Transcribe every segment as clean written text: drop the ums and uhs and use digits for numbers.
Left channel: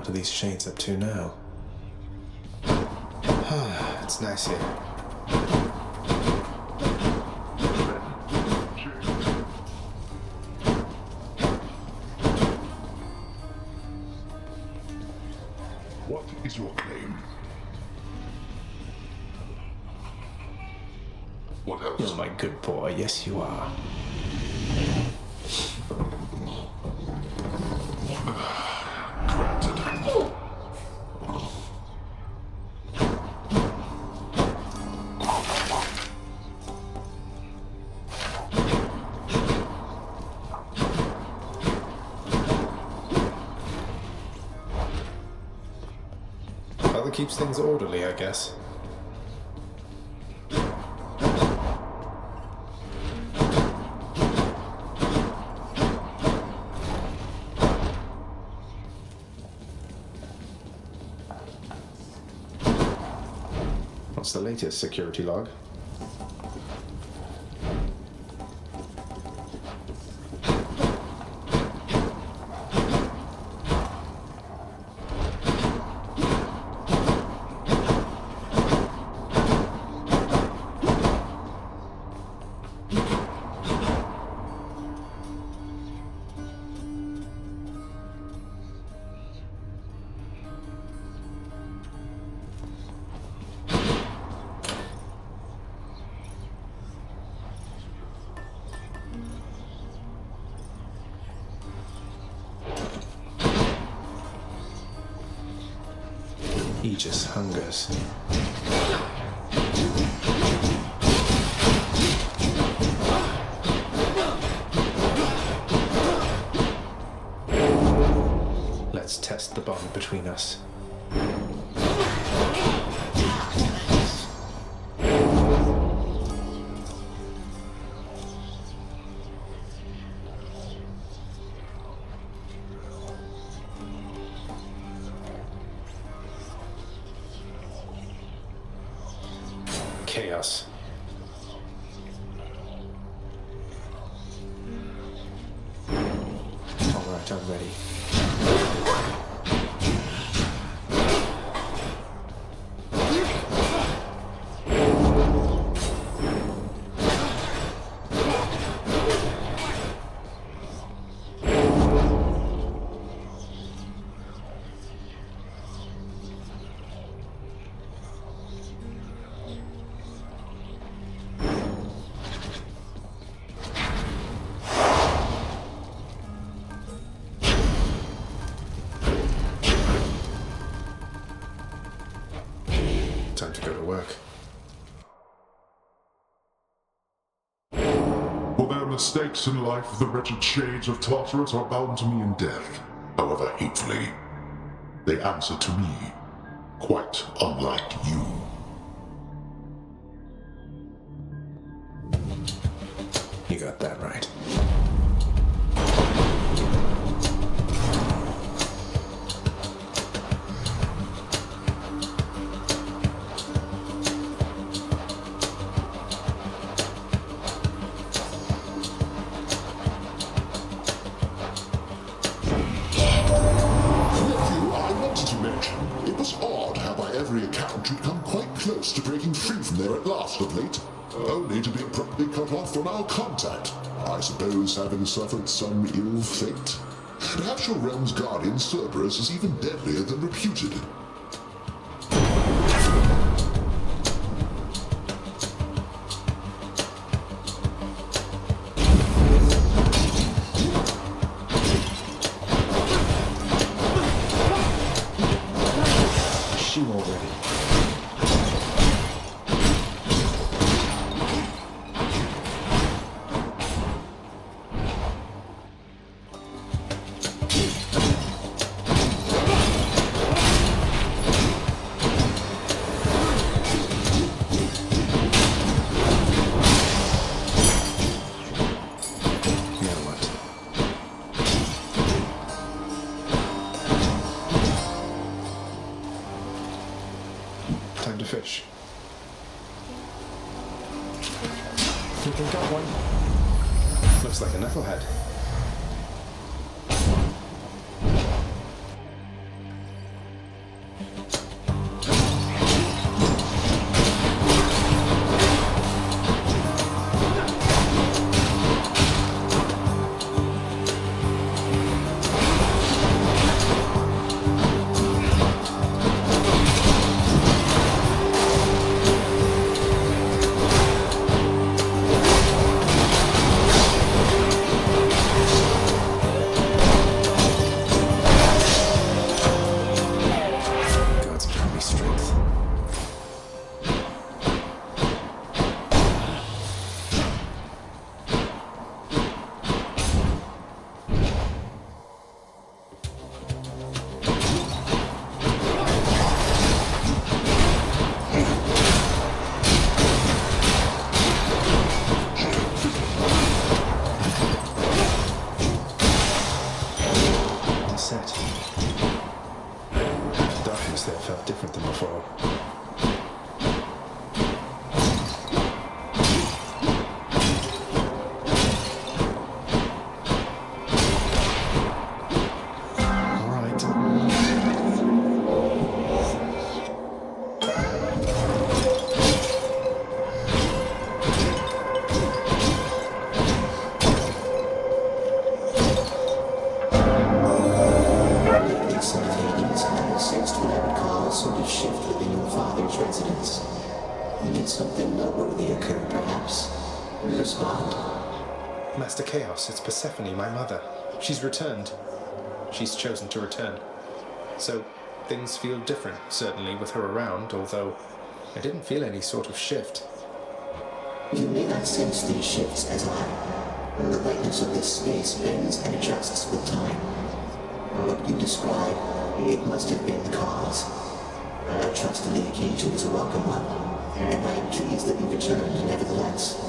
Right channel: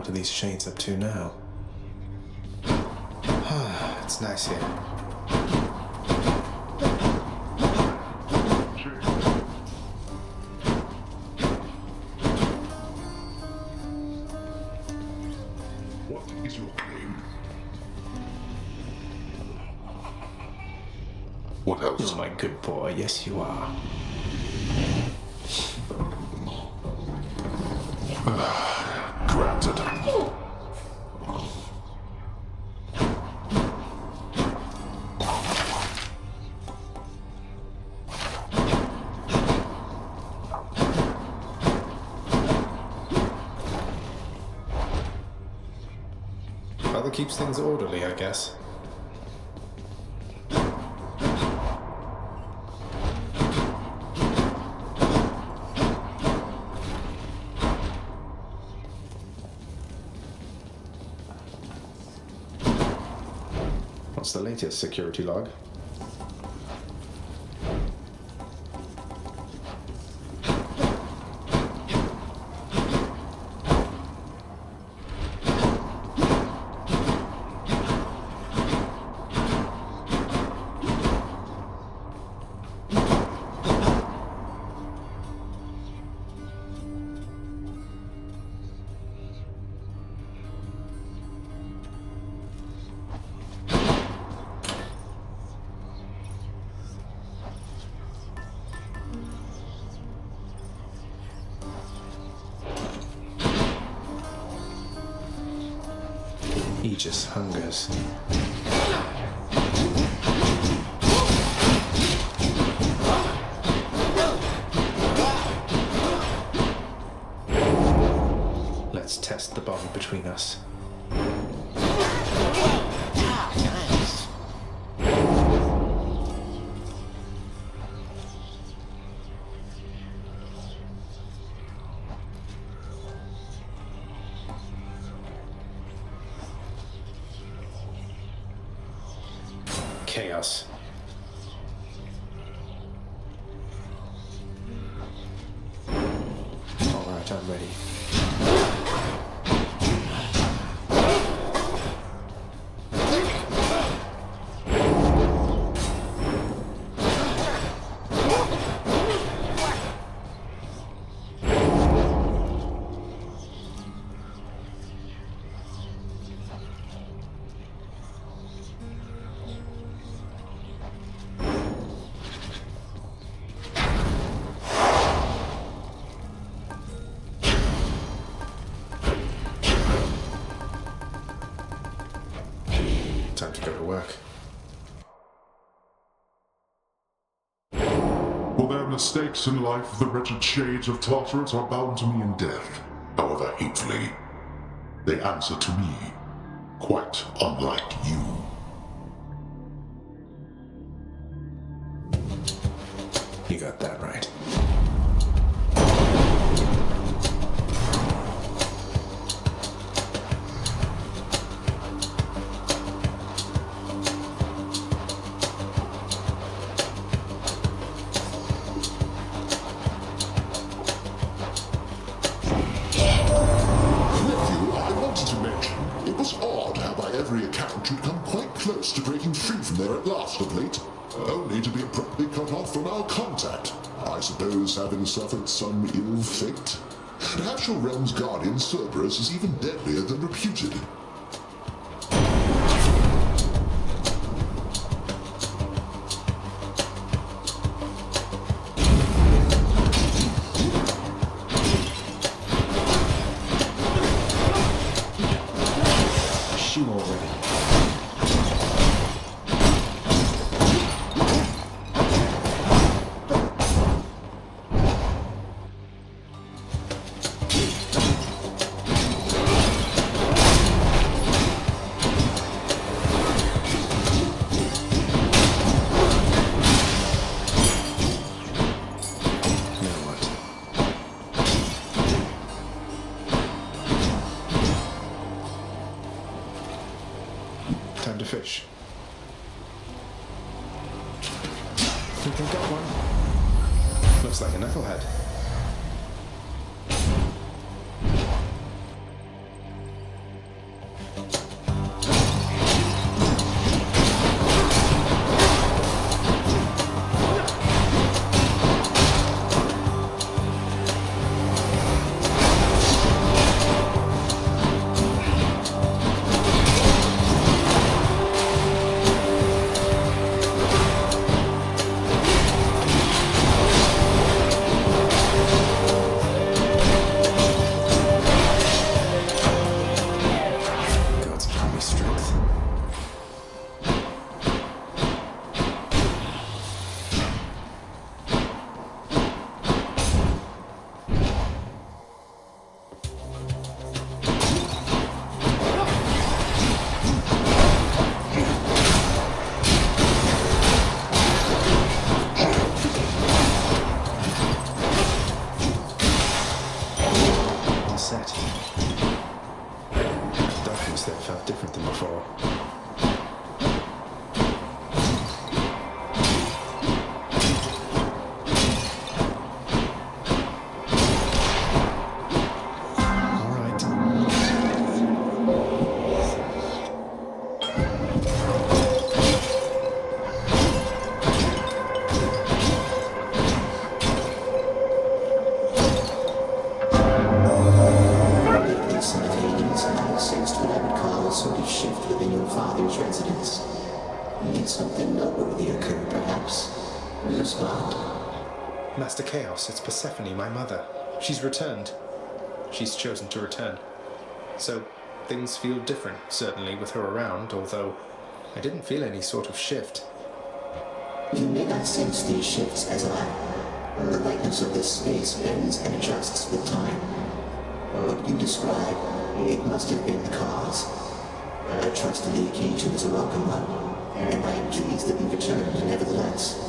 What are these shades up to now? It's nice here. What is your claim? What else? You're my good boy, yes you are. Granted. Father keeps things orderly, I guess. What's the latest security log? He just hungers. Let's test the bond between us. Chaos. All right, I'm ready. Time to go to work. For their mistakes in life, the wretched shades of Tartarus are bound to me in death. However hatefully, they answer to me, quite unlike you. You got that right. It was odd how by every account you'd come quite close to breaking free from there at last of late, only to be abruptly cut off from our contact. I suppose having suffered some ill fate? Perhaps your realm's guardian, Cerberus, is even deadlier than reputed. You already. Time to fish. Think we got one? Looks like a knucklehead. That darkness there felt different than before. Residence. Need something noteworthy occur, perhaps? Respond. Master Chaos, it's Persephone, my mother. She's returned. She's chosen to return. So, things feel different, certainly, with her around, although I didn't feel any sort of shift. You may not sense these shifts as I. The lightness of this space bends and adjusts with time. What you describe, it must have been the cause. I trusted the occasion as a welcome one, and I am pleased that you returned nevertheless.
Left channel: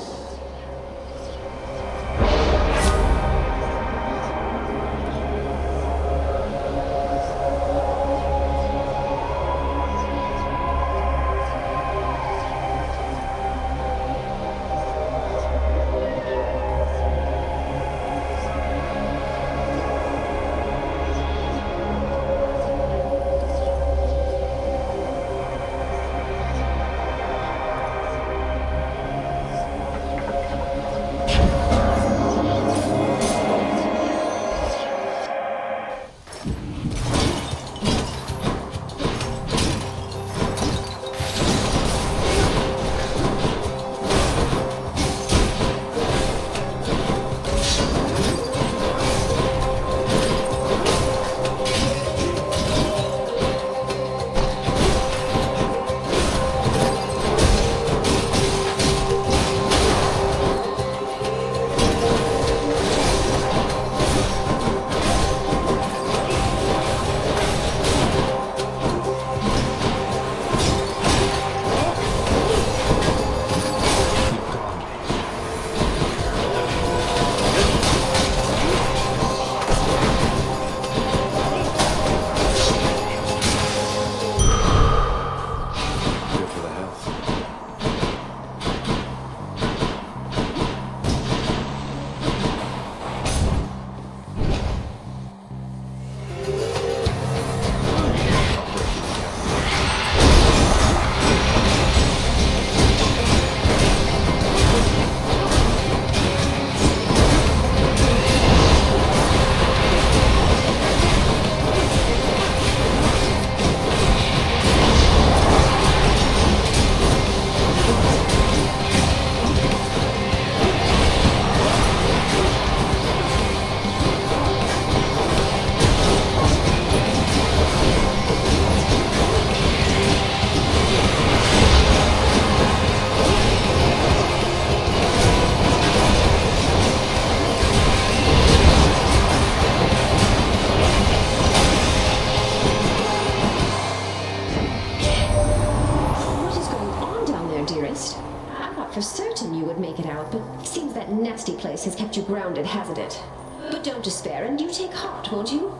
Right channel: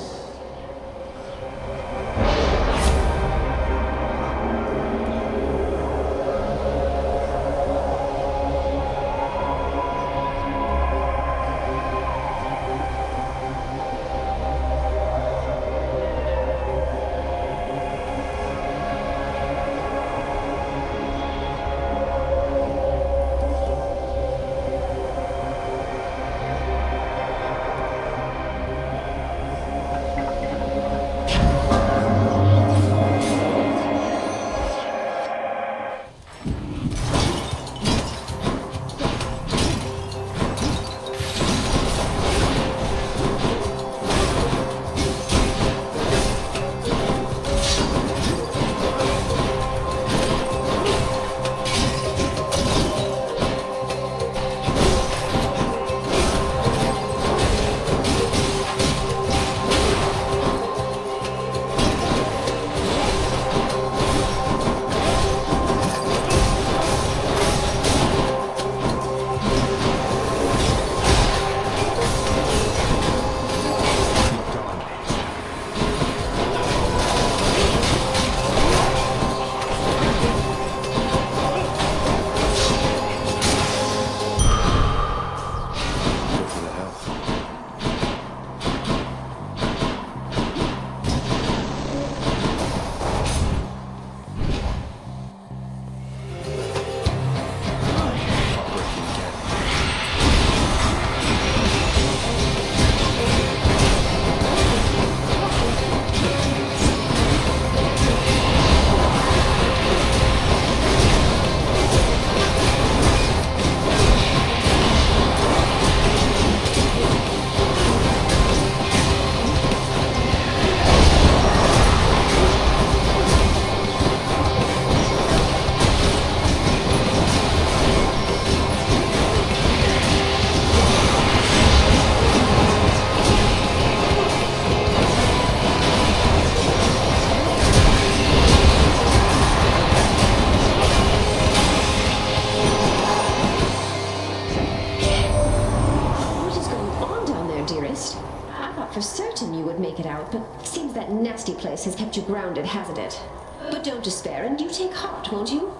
Dearest, I thought for certain you would make it out, but it seems that nasty place has kept you grounded, hasn't it? But don't despair, and you take heart, won't you?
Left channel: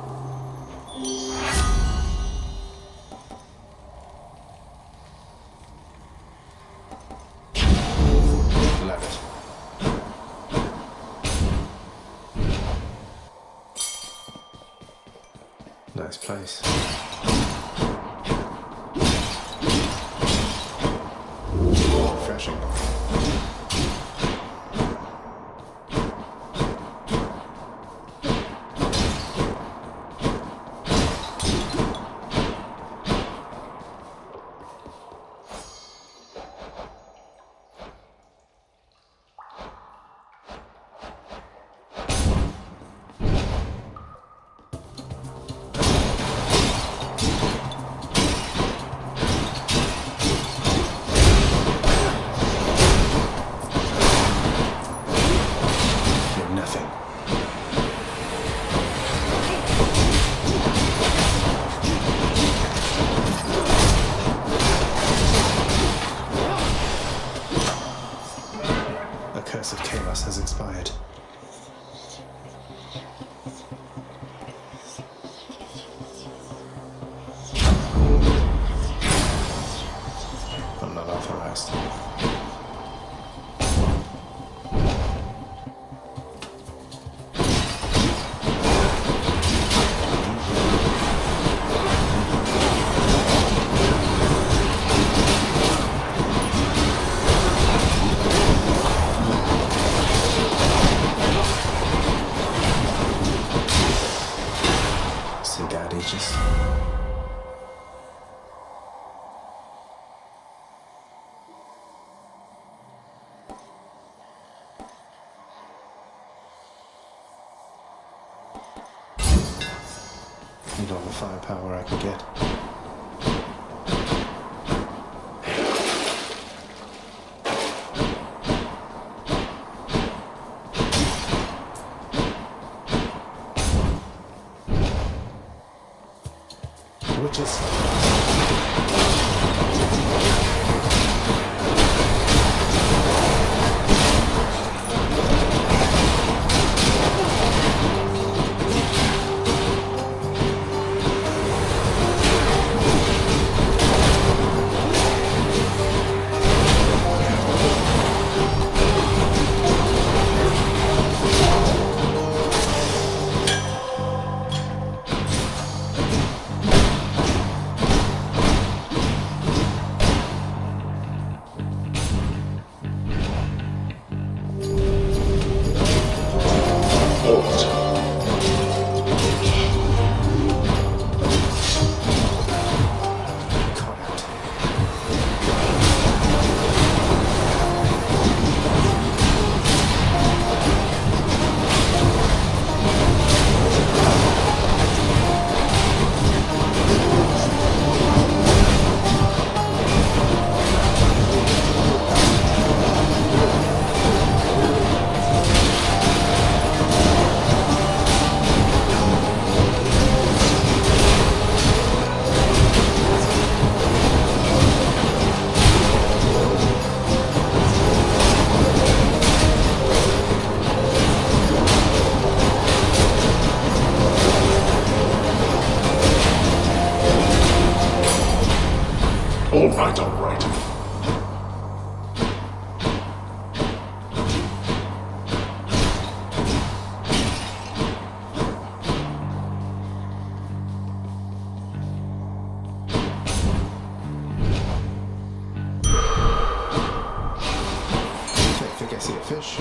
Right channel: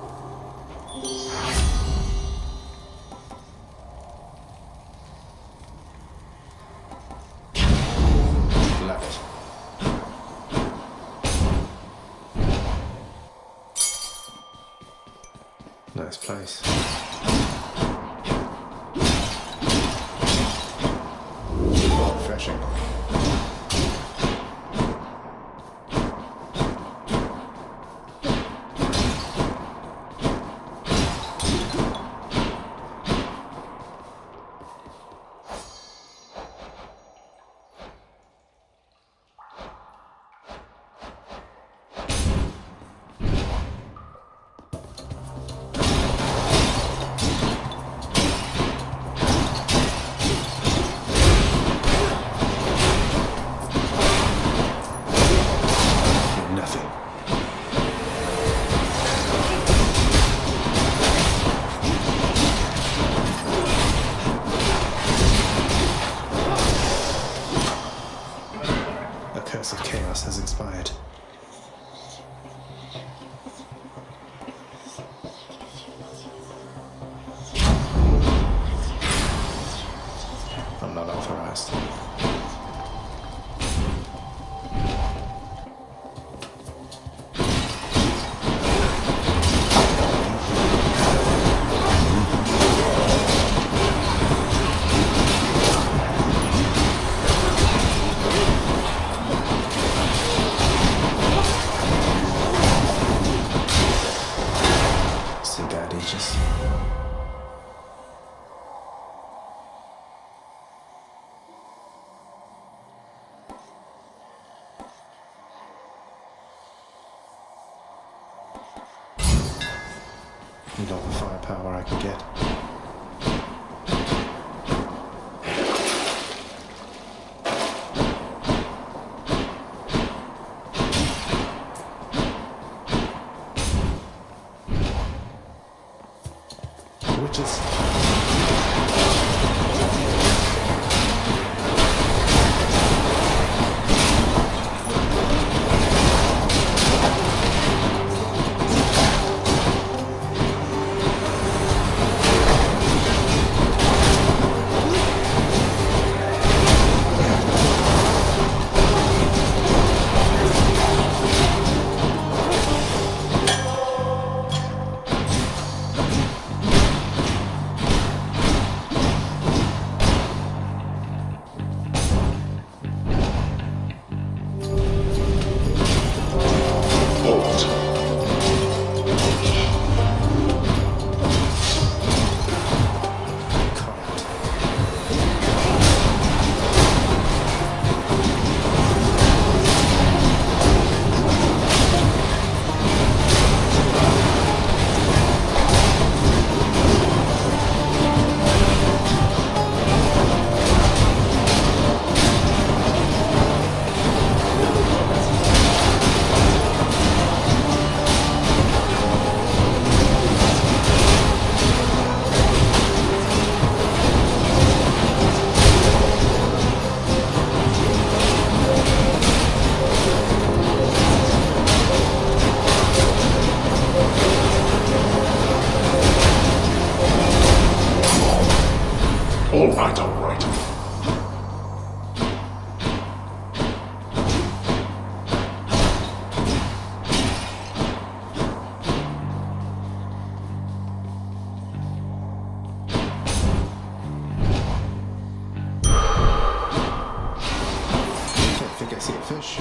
Love it. Nice place. Refreshing. Nothing. A curse of chaos has expired. authorized. See that, Aegis? Need all the firepower I can get. Witches. Caught out. All right, all right. I think I see a fish.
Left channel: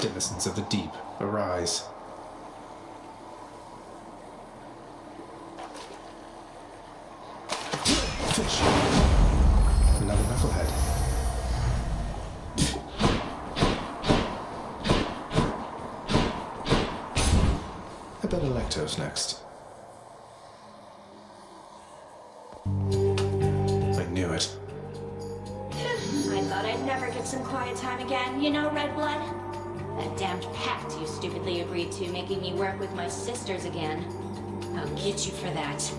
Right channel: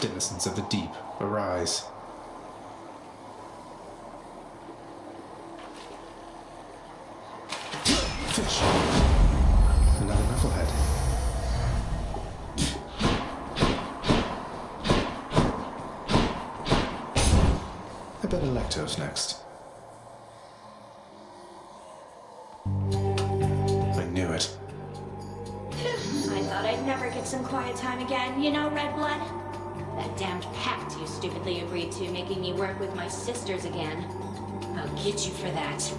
Denizens of the deep, arise. Fish. Another knucklehead. I bet Electo's next. I knew it. I thought I'd never get some quiet time again, you know, Red Blood? That damned pact you stupidly agreed to, making me work with my sisters again. I'll get you for that.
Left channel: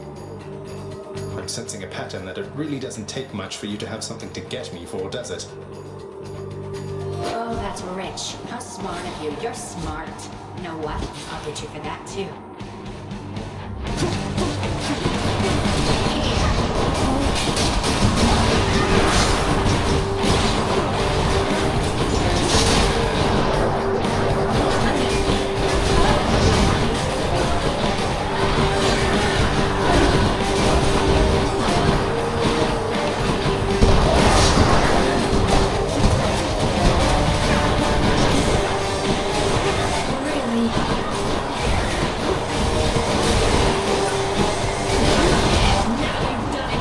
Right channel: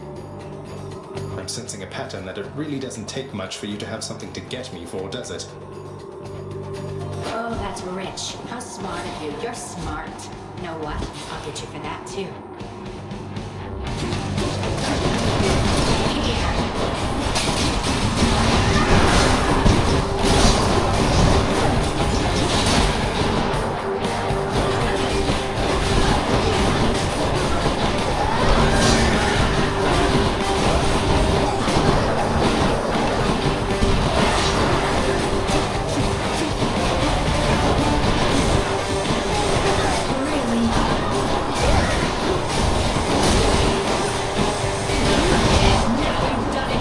I'm sensing a pattern that it really doesn't take much for you to have something to get me for, does it? Oh, that's rich. How smart of you. You're smart. You know what? I'll get you for that, too. Really? Now you've done it!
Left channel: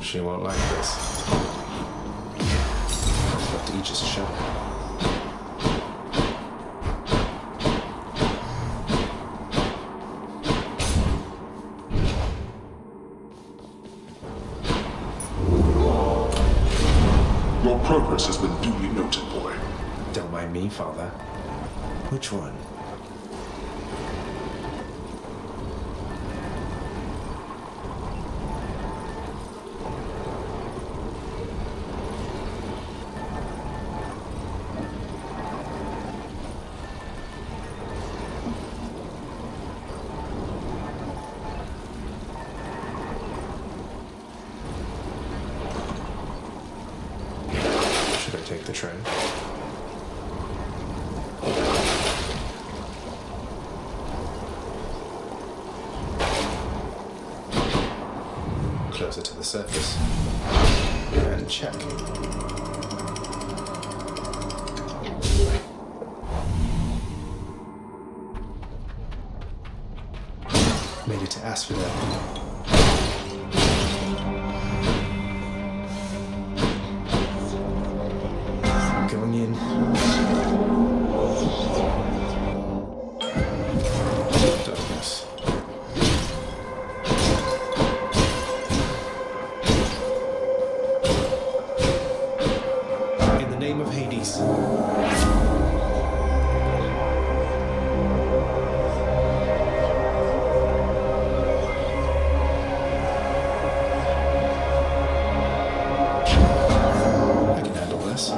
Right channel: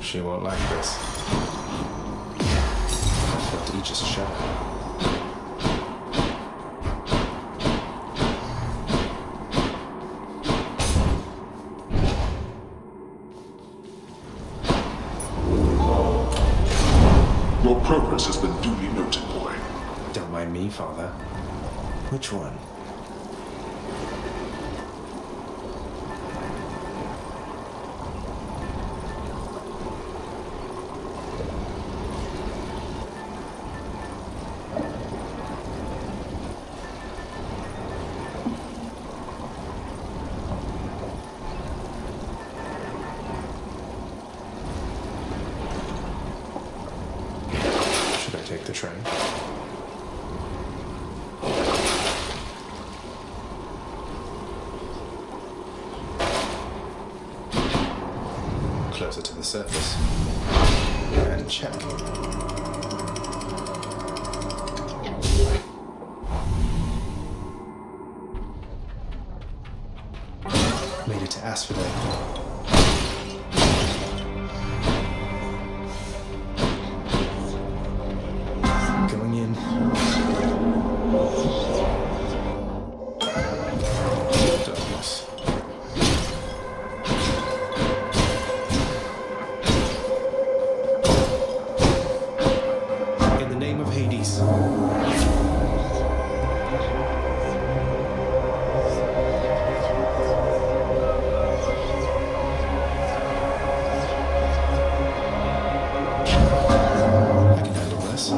She won't like this. I felt Aegis shudder. Your progress has been duly noted, boy. Don't mind me, Father. Which one? Should I take the train? Closer to the surface. And check. Made it to Asphodel. Going in. Darkness. In the name of Hades. I can handle this.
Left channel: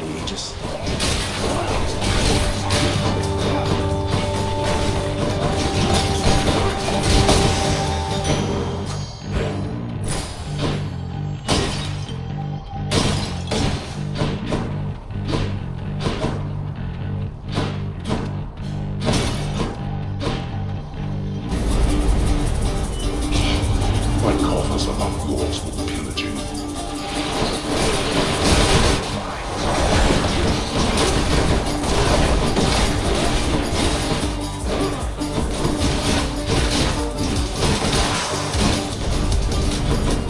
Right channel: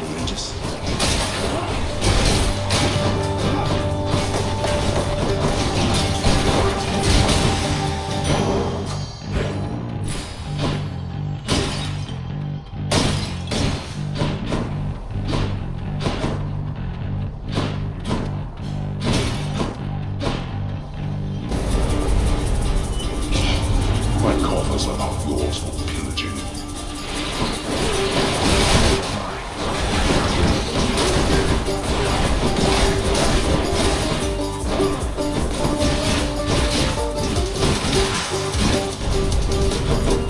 Aegis. My coffers are not yours for pillaging.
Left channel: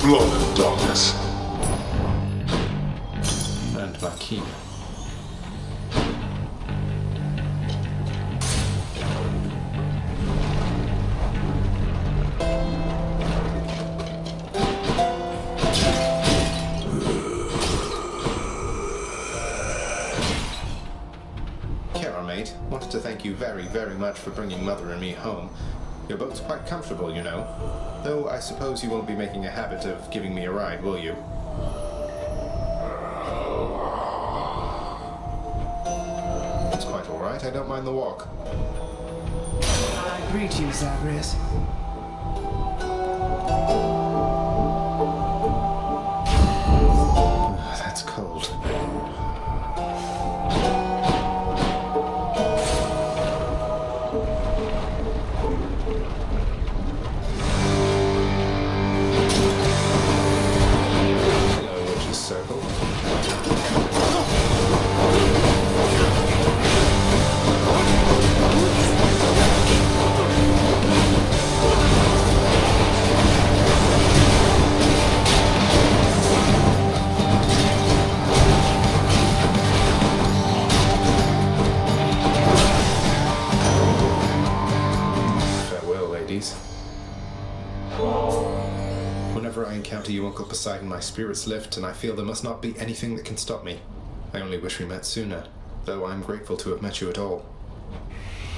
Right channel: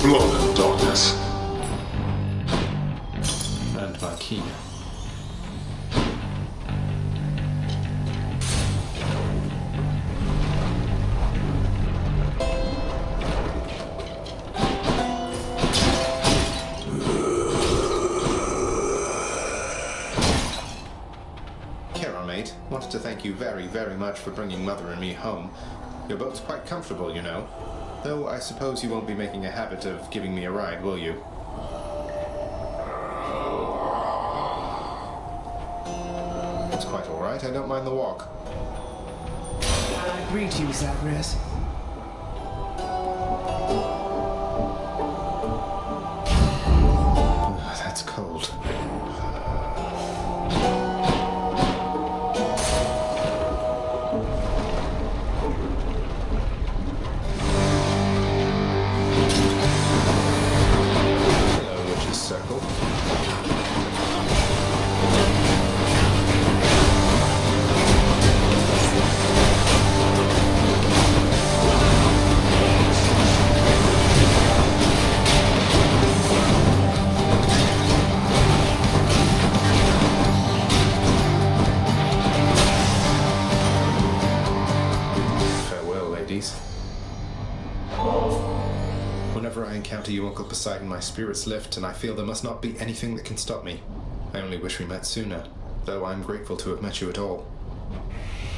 Blood and darkness. And my key. Kara, mate. Wanted to thank you very, very much for bringing Mother and me home. Your boat's quite comfortable, you know. Though I suppose you won't be making a habit of giving me a ride, will you? It's quite all right. I don't mind the walk. I greet you, Zagreu. That's cold. Hello, Witch's Circle. Farewell, ladies. Whenever I encounter you, Uncle Poseidon, my spirits lift, and I feel there must not be anything that can stop me. I only wish we met sooner, though I'm grateful to have met you at all.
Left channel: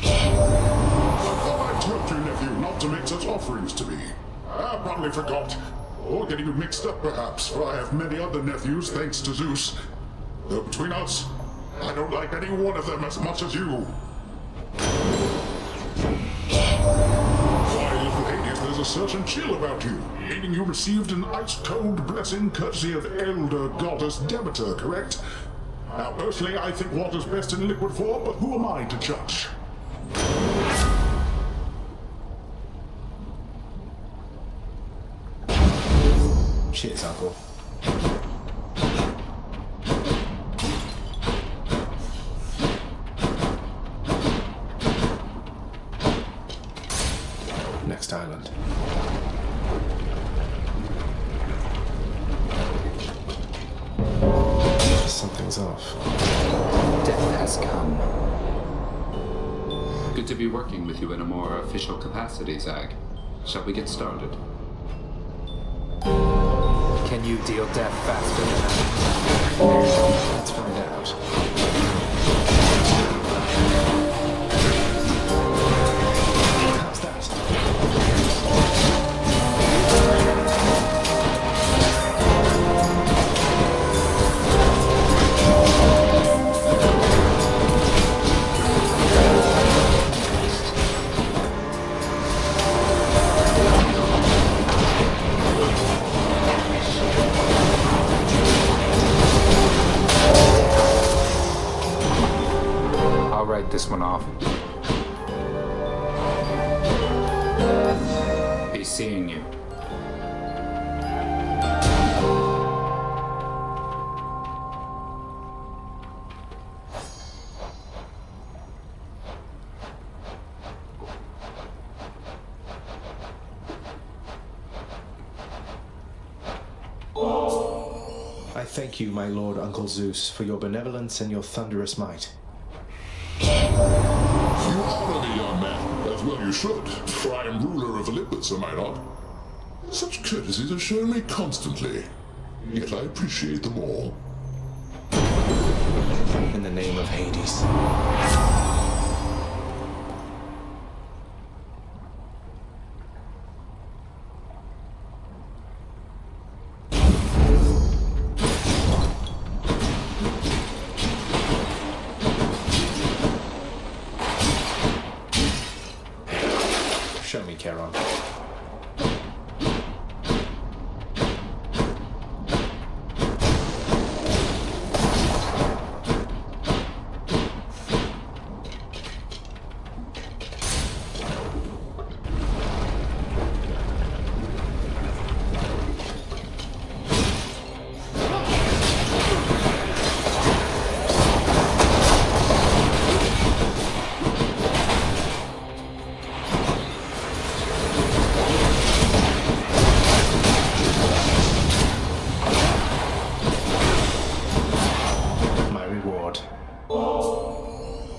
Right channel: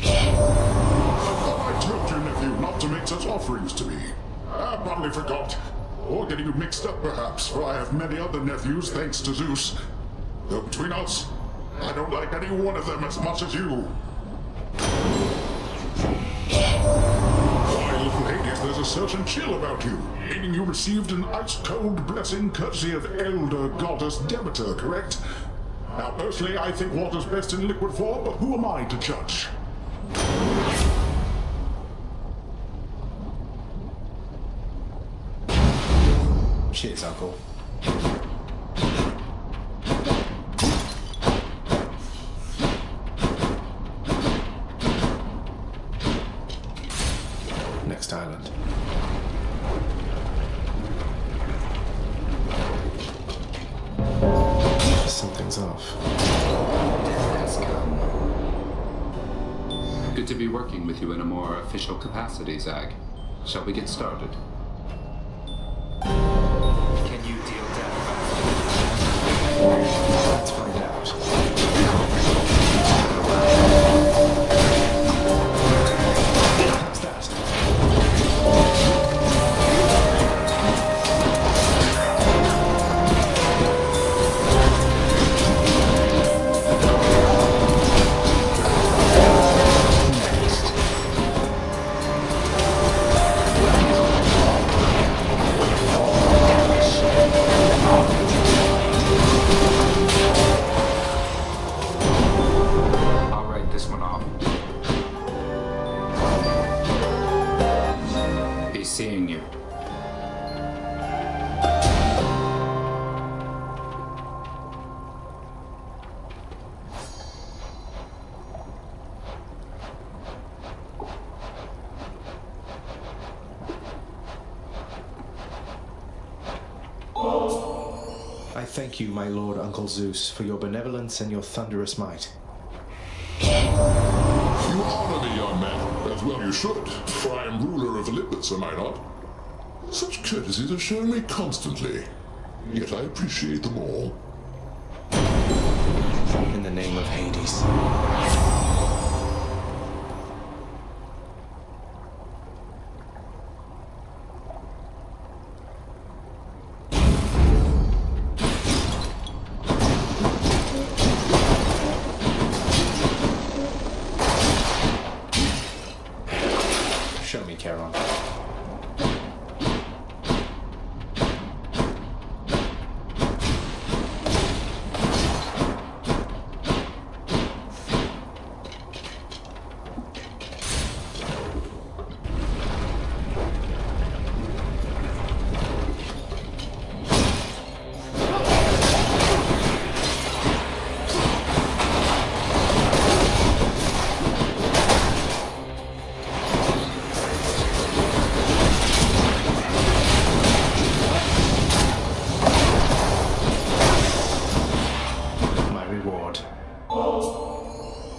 I thought I told you, nephew, not to make such offerings to me. I probably forgot. Or getting you mixed up, perhaps, for I have many other nephews, thanks to Zeus. Though between us, I don't like any one of them as much as you. Why, little Hades, there's a certain chill about you, meaning you received an ice-cold blessing courtesy of elder goddess Demeter, correct? Now, personally, I think water's best in liquid form, but who am I to judge? Cheers, Uncle. Next island. has come. Good to be working with you in a more official capacity, Zag. Shall we get started? Can you deal death faster than I? Let's find out. How's that? I'll write this one off. Be seeing you. I thank you, my lord Uncle Zeus, for your benevolence and your thunderous might. You honor me, young man, as well you should, for I am ruler of Olympus, am I not? Such courtesies are shown me constantly, yet I appreciate them all. In the name of Hades. Show me, Charon.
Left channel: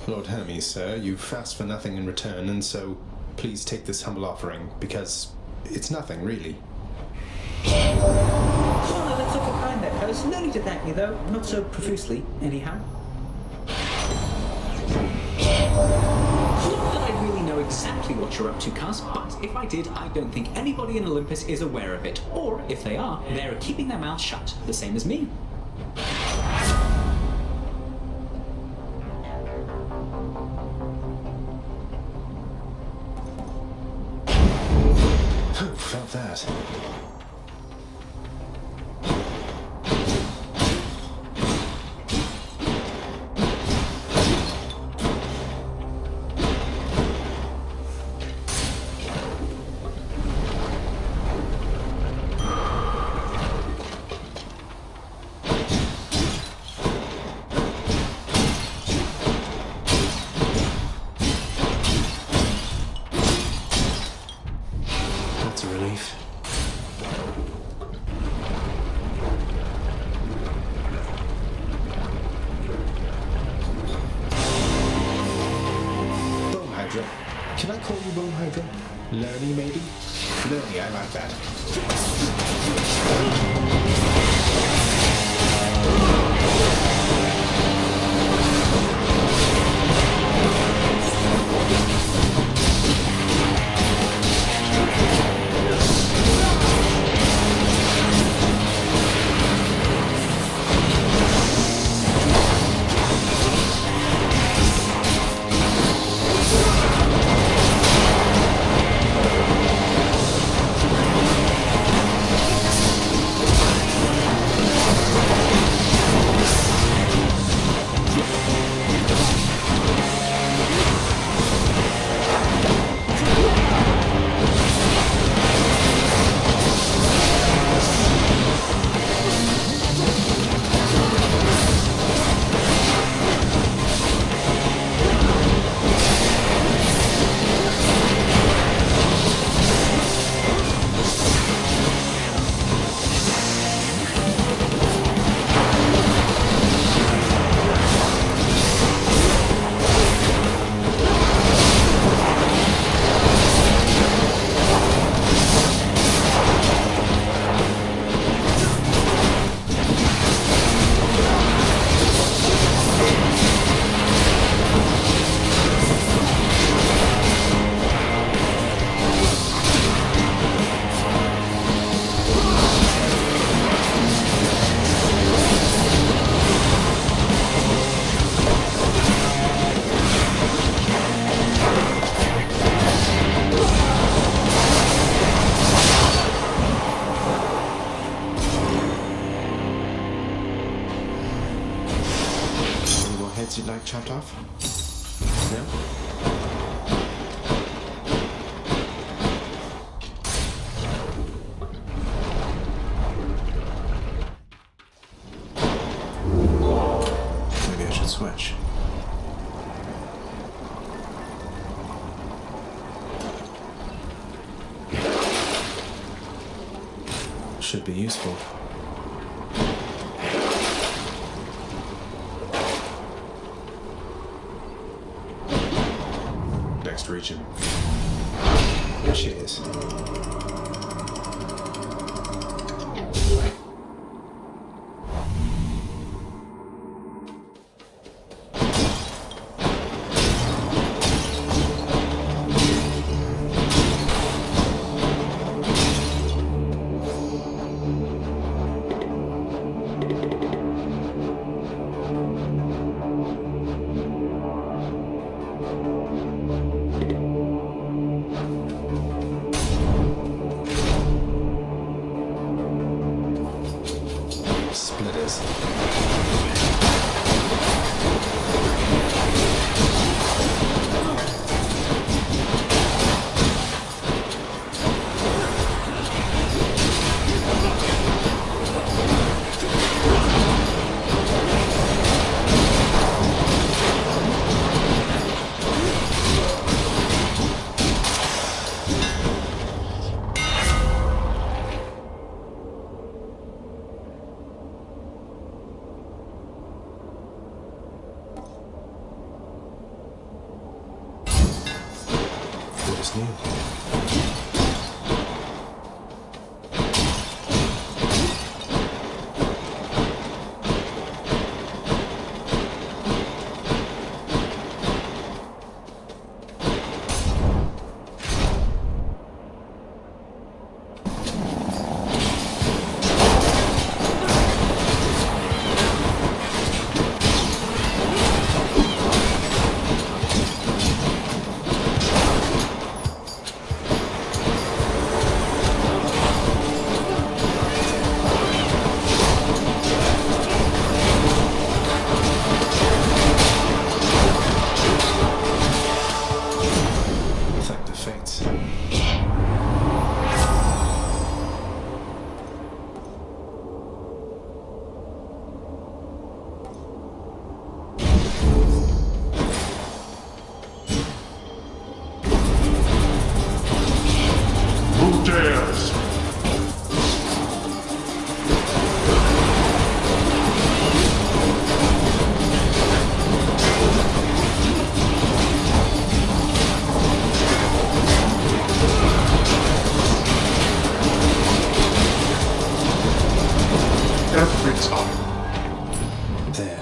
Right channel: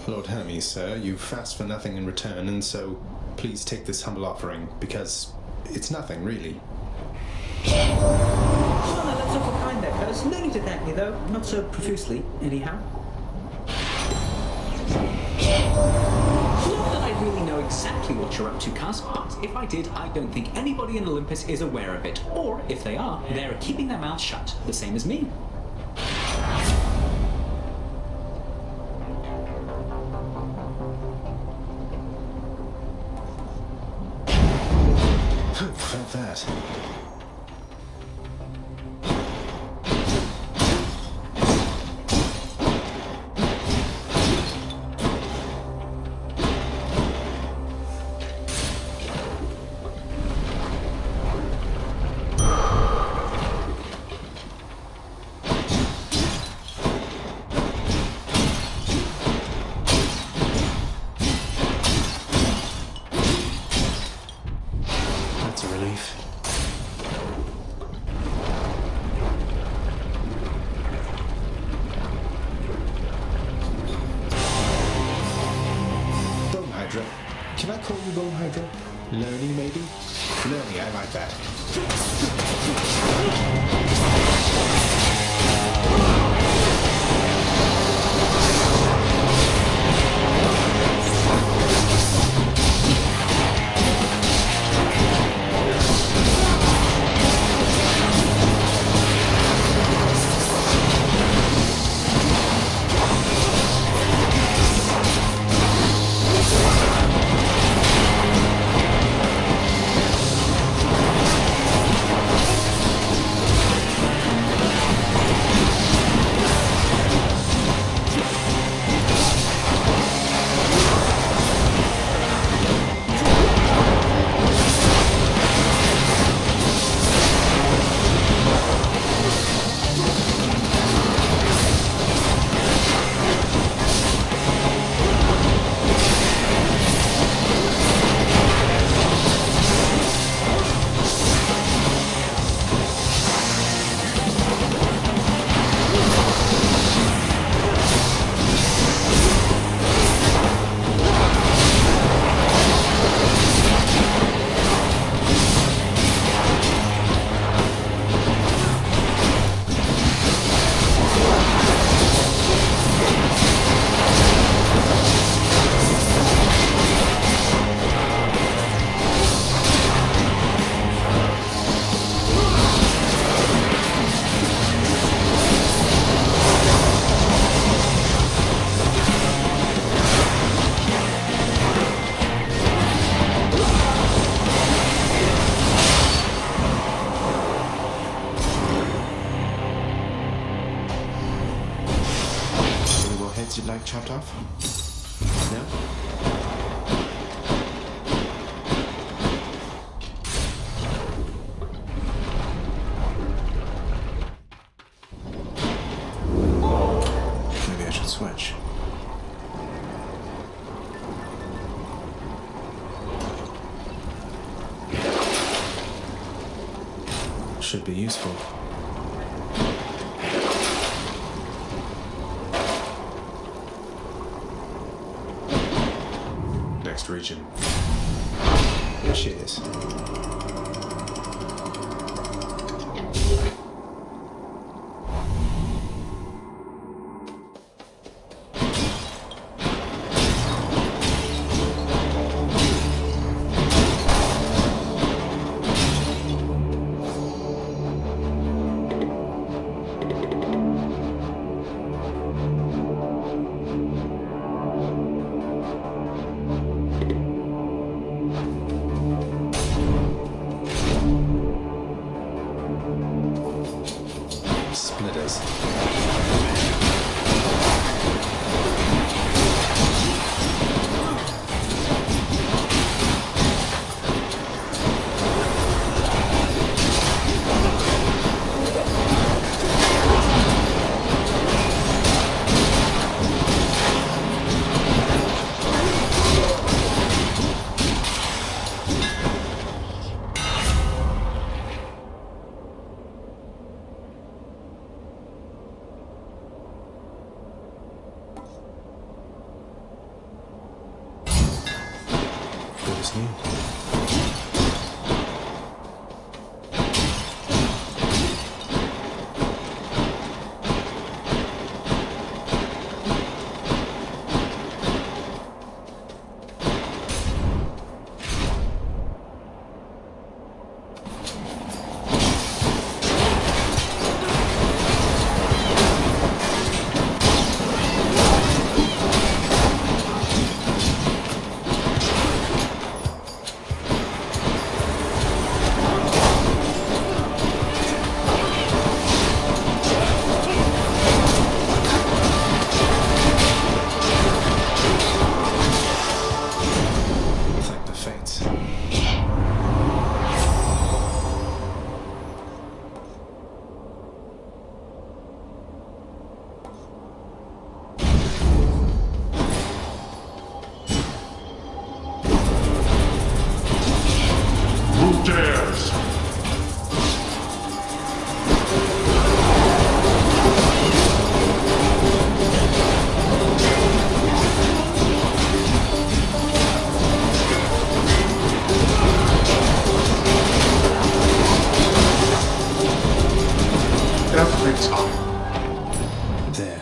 Lord Hermes, sir, you fast for nothing in return, and so please take this humble offering, because it's nothing, really. Oh no, that's awful kind there, cuz. No need to thank me, though. Not so profusely, anyhow. Not that I really know exactly what you're up to, cuz, but if I did, I don't think anybody in Olympus is aware of it. Or, if they are, they're keeping their mouths shut, the same as me. Who felt that? That's a relief. Bone Hydra. Can I call you Bone Hydra? Lerny, maybe? Lerny, I like that. heads you'd like chopped off? No? Maybe I should switch. Should be useful. Next region. Cheers. Splitters. Good as new. Thank the fates. Who dares? Every time. There.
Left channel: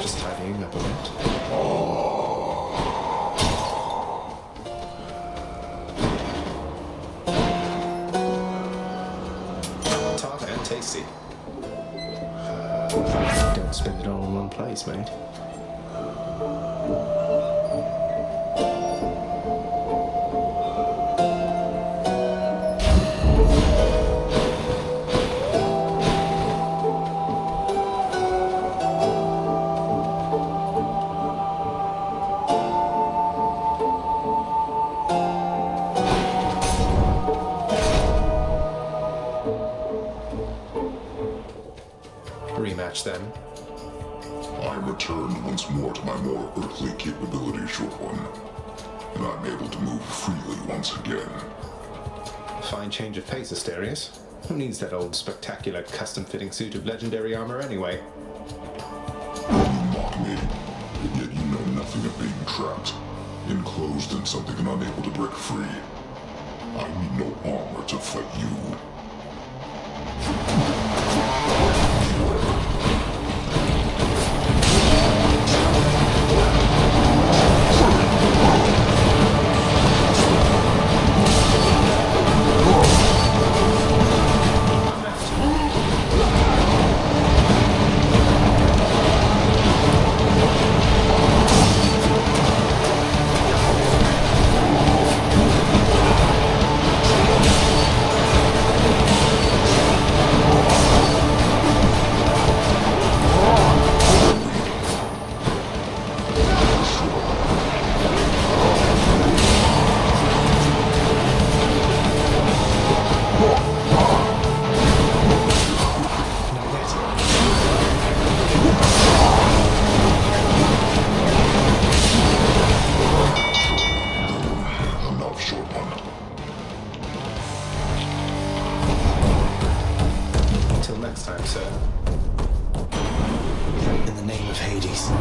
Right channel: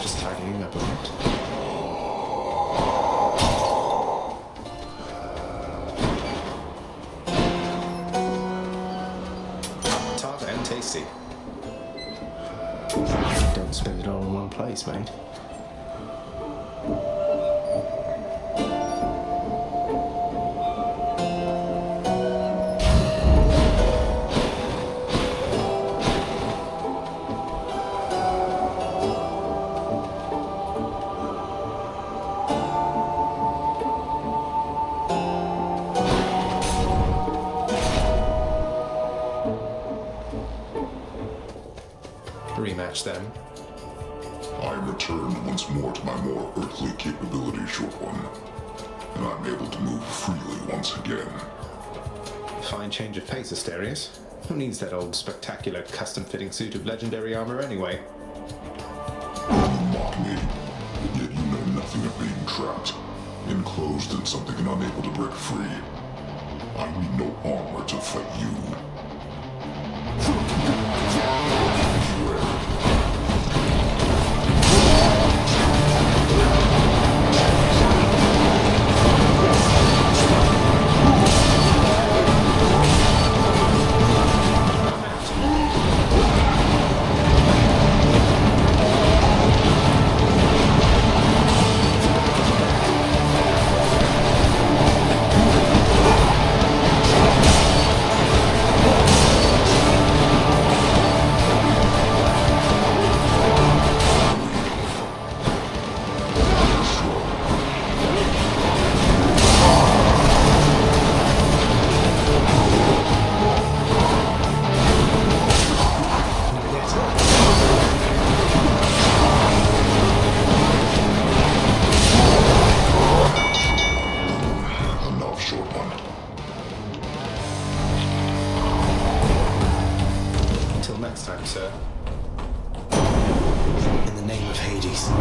Just tidying up a bit. Tart and tasty. Don't spend it all in one place, mate. Rematch them. I am returned once more to my more earthly capabilities, short one, and I'm able to move freely once again. Fine change of pace, Asterius. Who needs that old spectacular custom-fitting suit of legendary armor anyway? You mock me, yet you know nothing of being trapped, enclosed in something and unable to break free. I need no armor to fight you. ladies.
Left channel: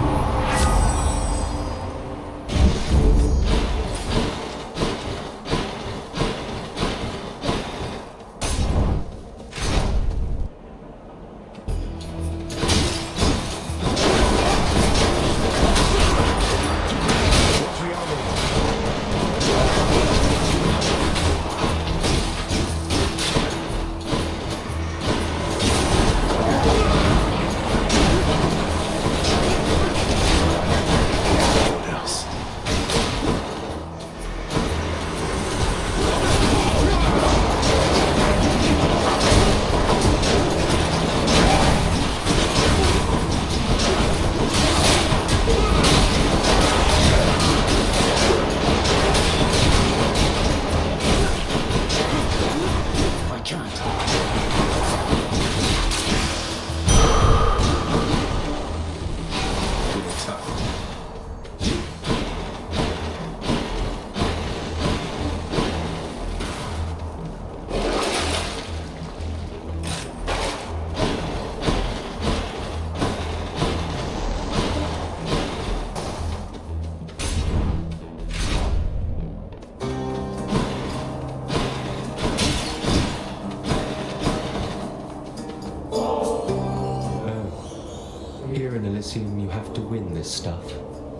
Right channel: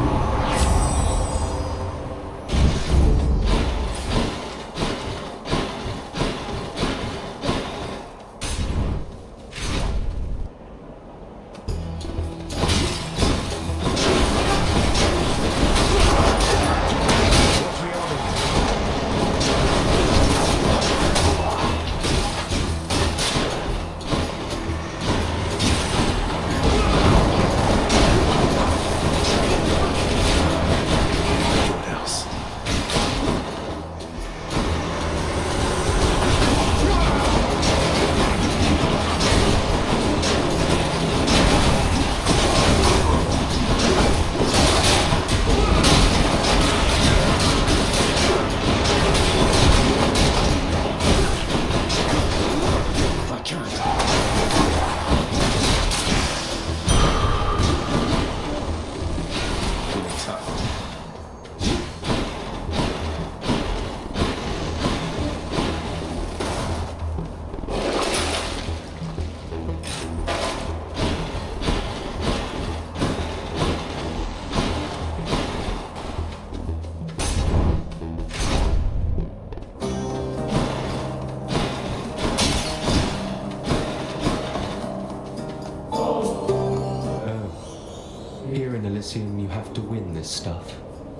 Here in Elysium, you have to win this stuff,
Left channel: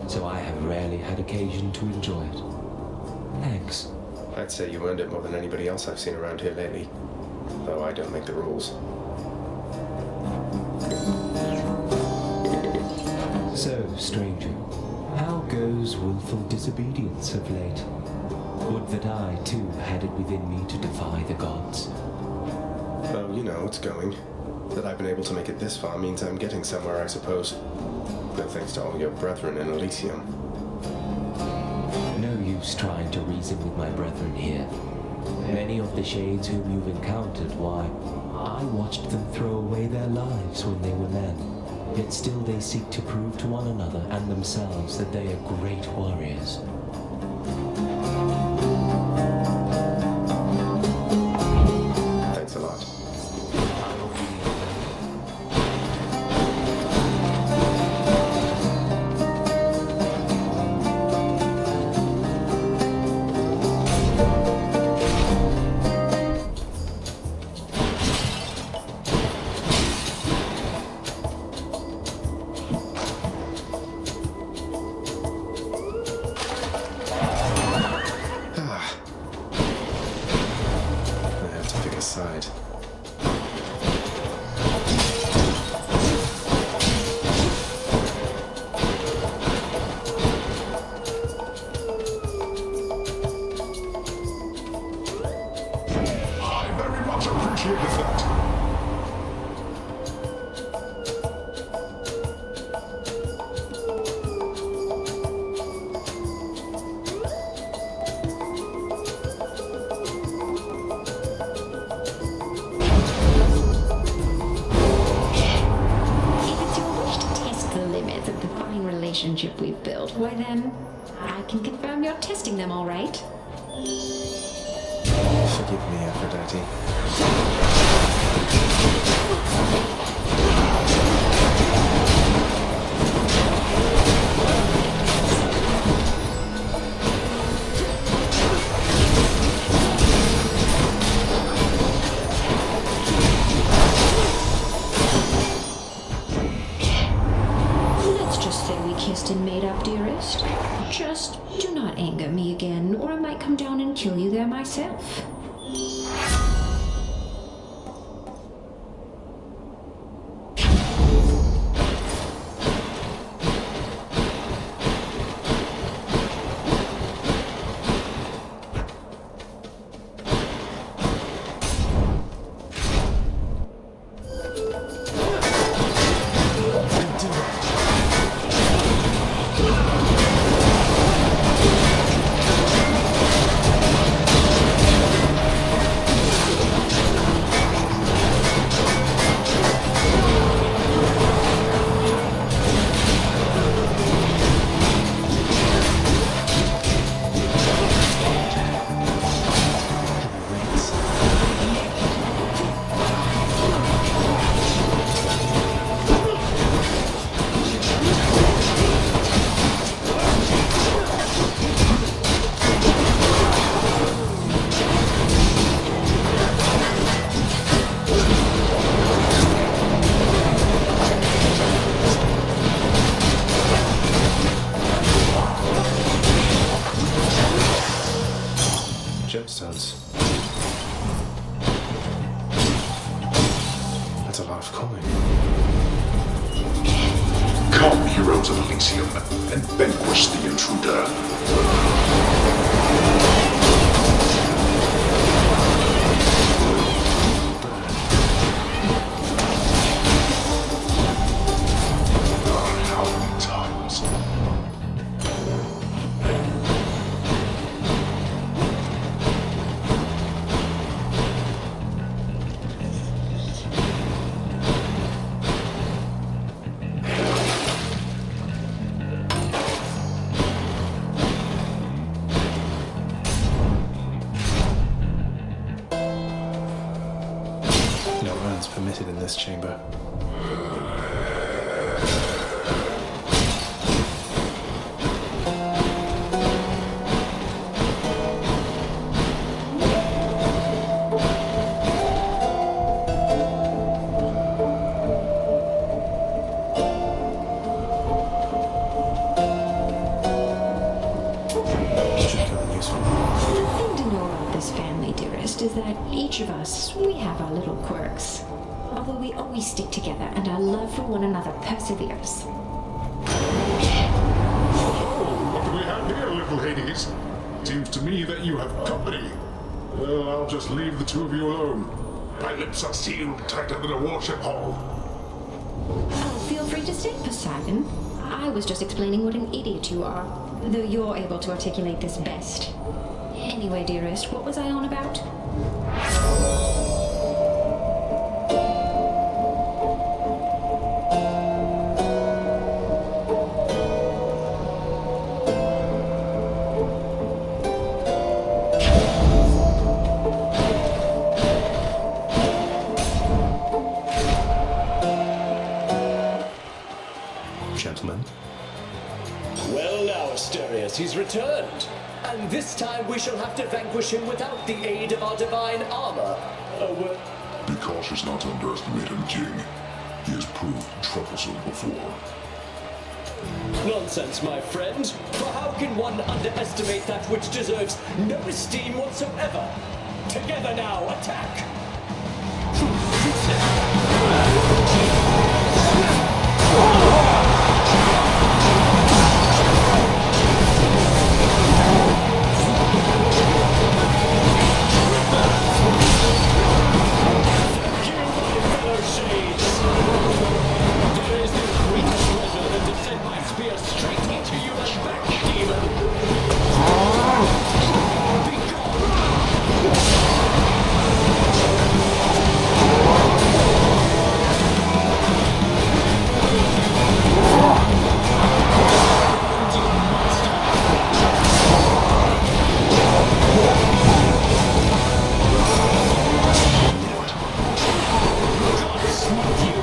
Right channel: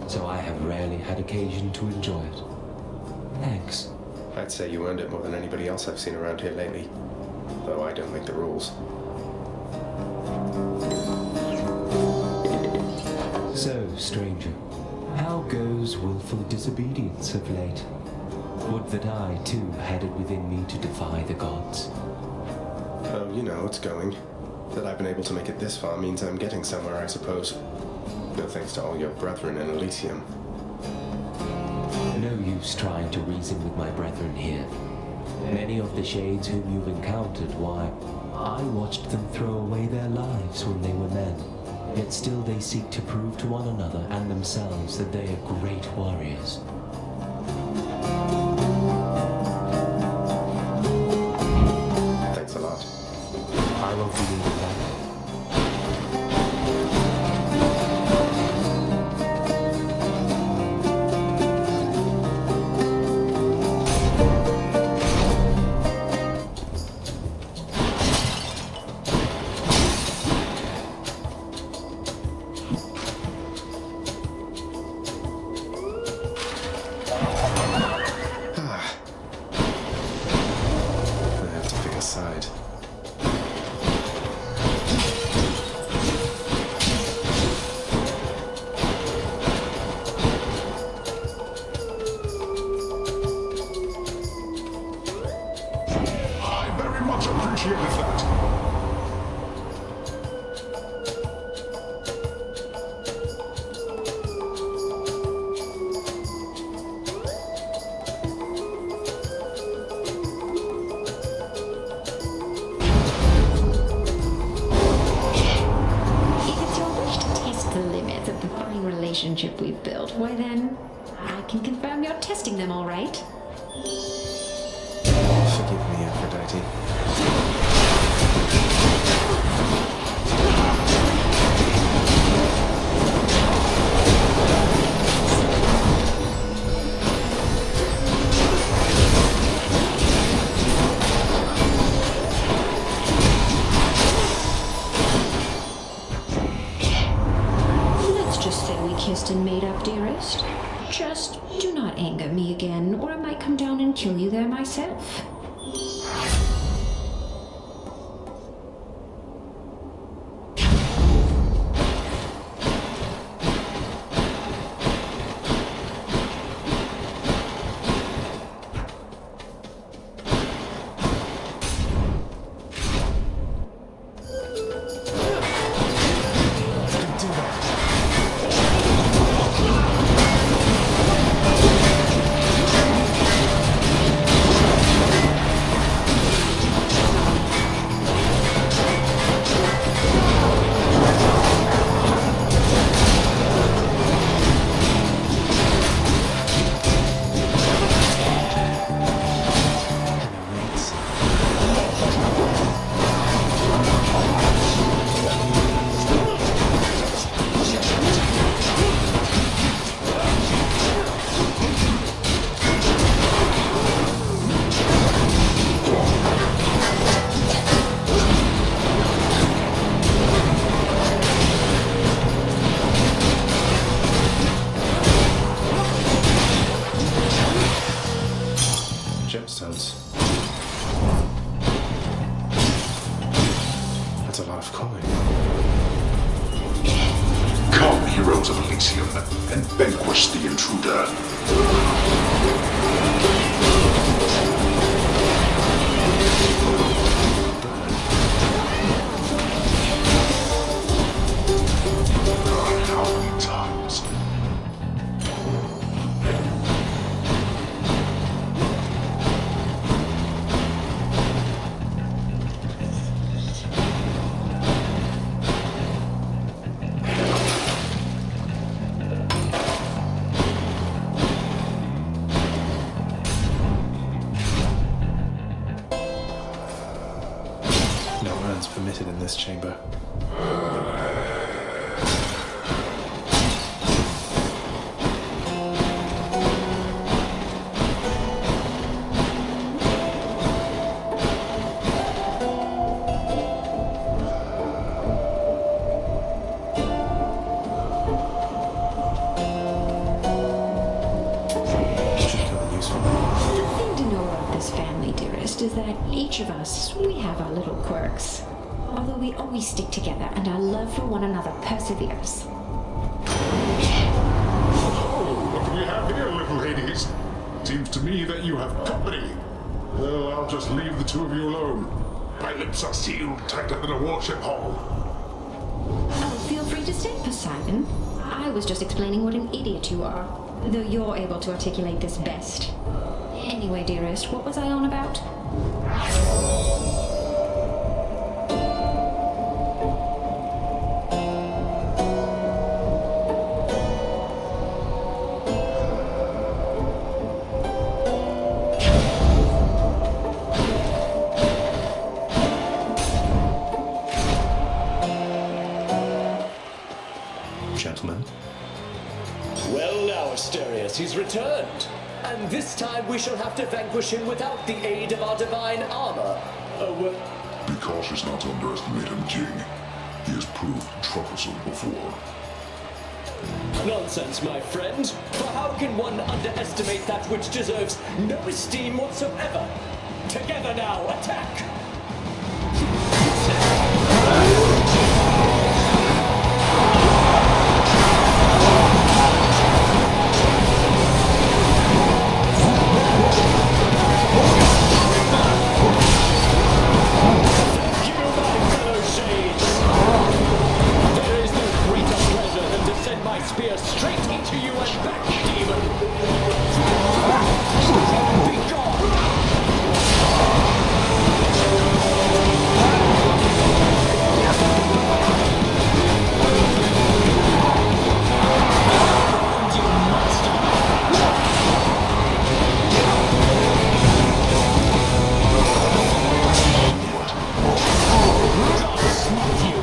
so I have rarely had occasion to enjoy it. Thanks. I'd say you earned it more than anybody else I've seen around here lately, though I don't make the rules. So, stranger, how goes willful disobedience of late? Would that I, too, had it within me to defy the gods. Oh, you know, it's going. That I've been able to make it this far means I'm getting somewhere, I suppose. No thanks to all your brethren in Elysium. No use trying to reason with my brethren here. Many of the shades whom you've encountered, why, I watched them throw away their lives when they were men. Yet still they seek to prove to one another and themselves that they are great warriors. Thanks a lot. I won't be leaving them. Side. I very much appreciated that. Of the fine relationship we've built, why then, I can confirm you're testing them all right. Forgive me, Aphrodite. Just say we kissed and made up, dearest. Just do not anger me again, or I might come down and kill you there myself. heroes of Elysium and vanquish the intruder. How many times? No urns permitted in this chamber. Should come in useful. The thing to know about this family, dearest, is that each of us, we have our little quirks. Although we always stick together and our love for one another perseveres. Oh, what do we have here, little Hades? Seems to me that you have company. Well, I'll just leave the two of you alone. My lips are sealed tighter than a warship hull. Oh, feel free to stay, Poseidon. I was just explaining what an idiot you are, though you're able to articulate this best. Anyway, dearest, what was I on about? Gentlemen. Well now, Asterius, he's returned. And this time we shall have to vanquish him without the aid of our divine armor. Be cautious not to underestimate him, King. He has proved troublesome before. Nonsense, my friend. For how can one underestimate that which deserves no esteem whatsoever? Together now, attack! Send my spear straight into you and back, demon! Be gone! You monster! God smote you!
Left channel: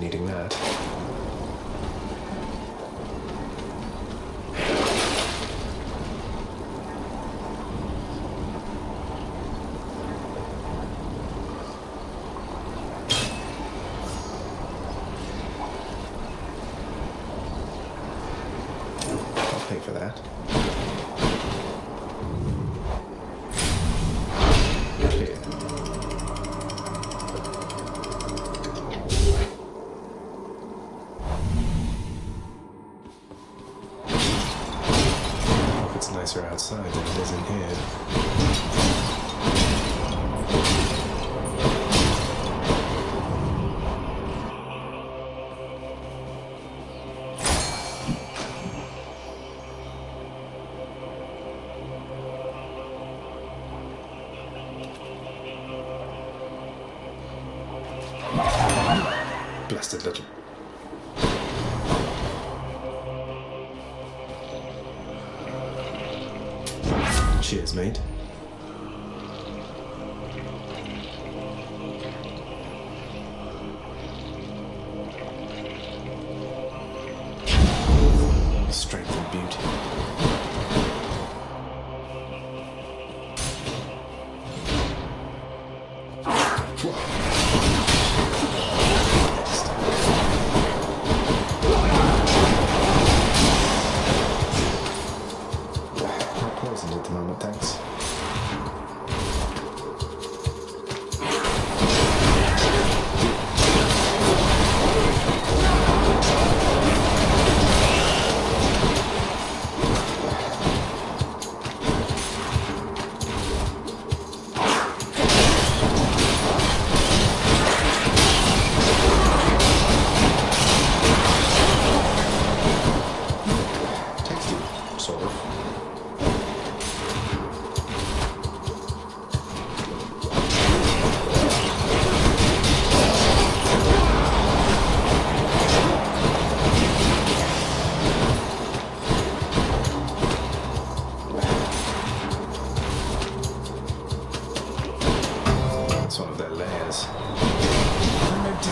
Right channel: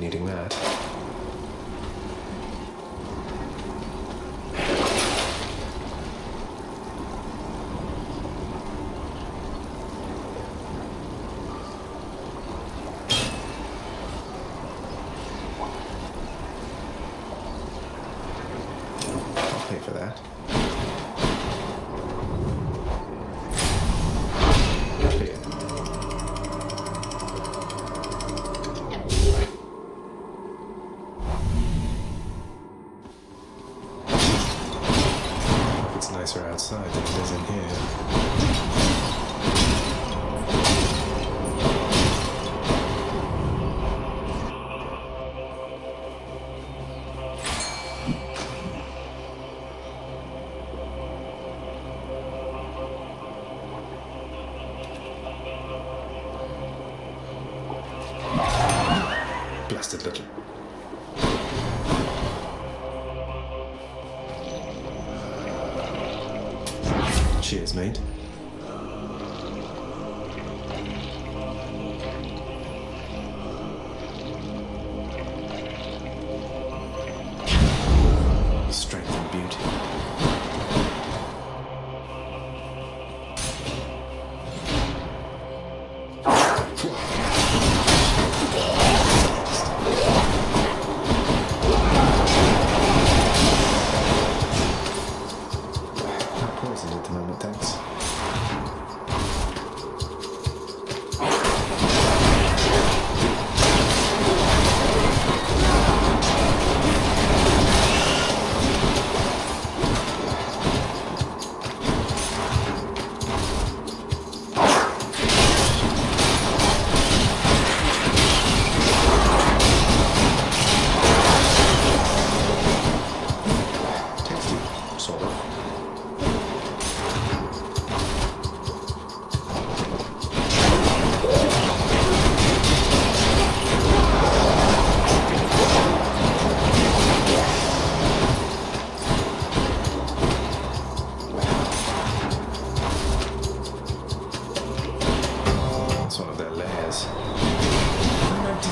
Needing that. closer outside than it is in here. Blasted little. Cheers, mate. Strength and beauty. Not poisoned at the moment, thanks. Tasty, sort of. It's one of their layers. I'm empty.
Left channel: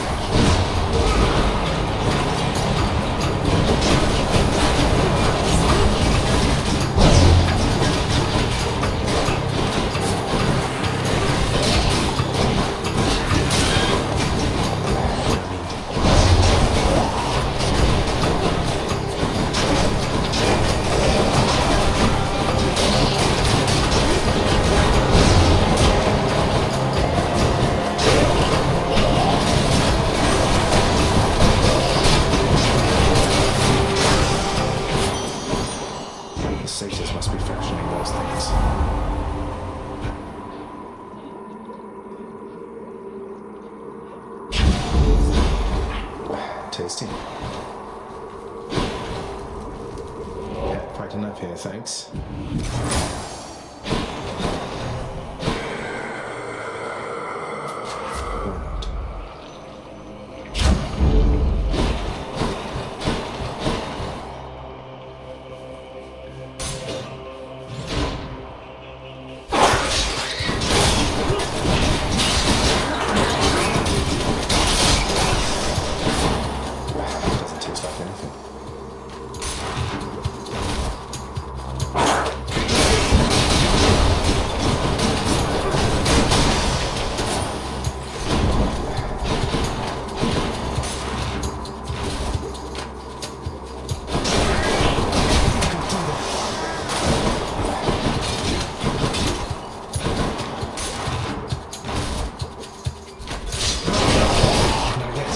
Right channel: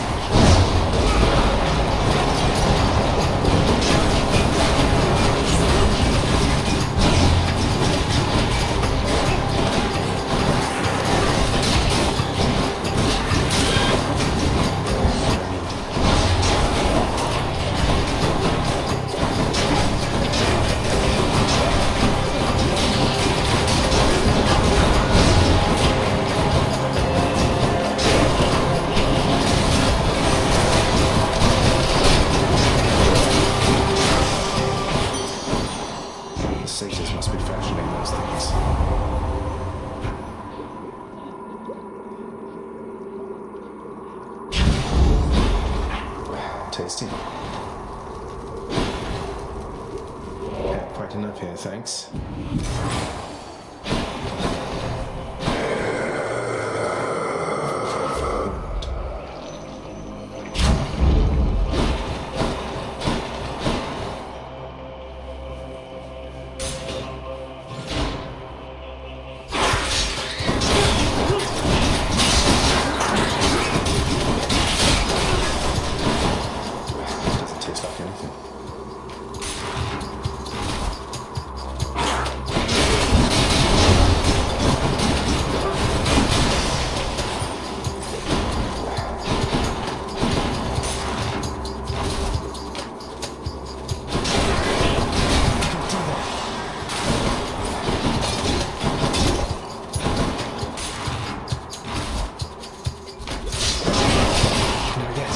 The satyrs must be fashioning those things. Tasty. Had quite enough here, thanks. Why not? Doesn't taste like anything. Not yet.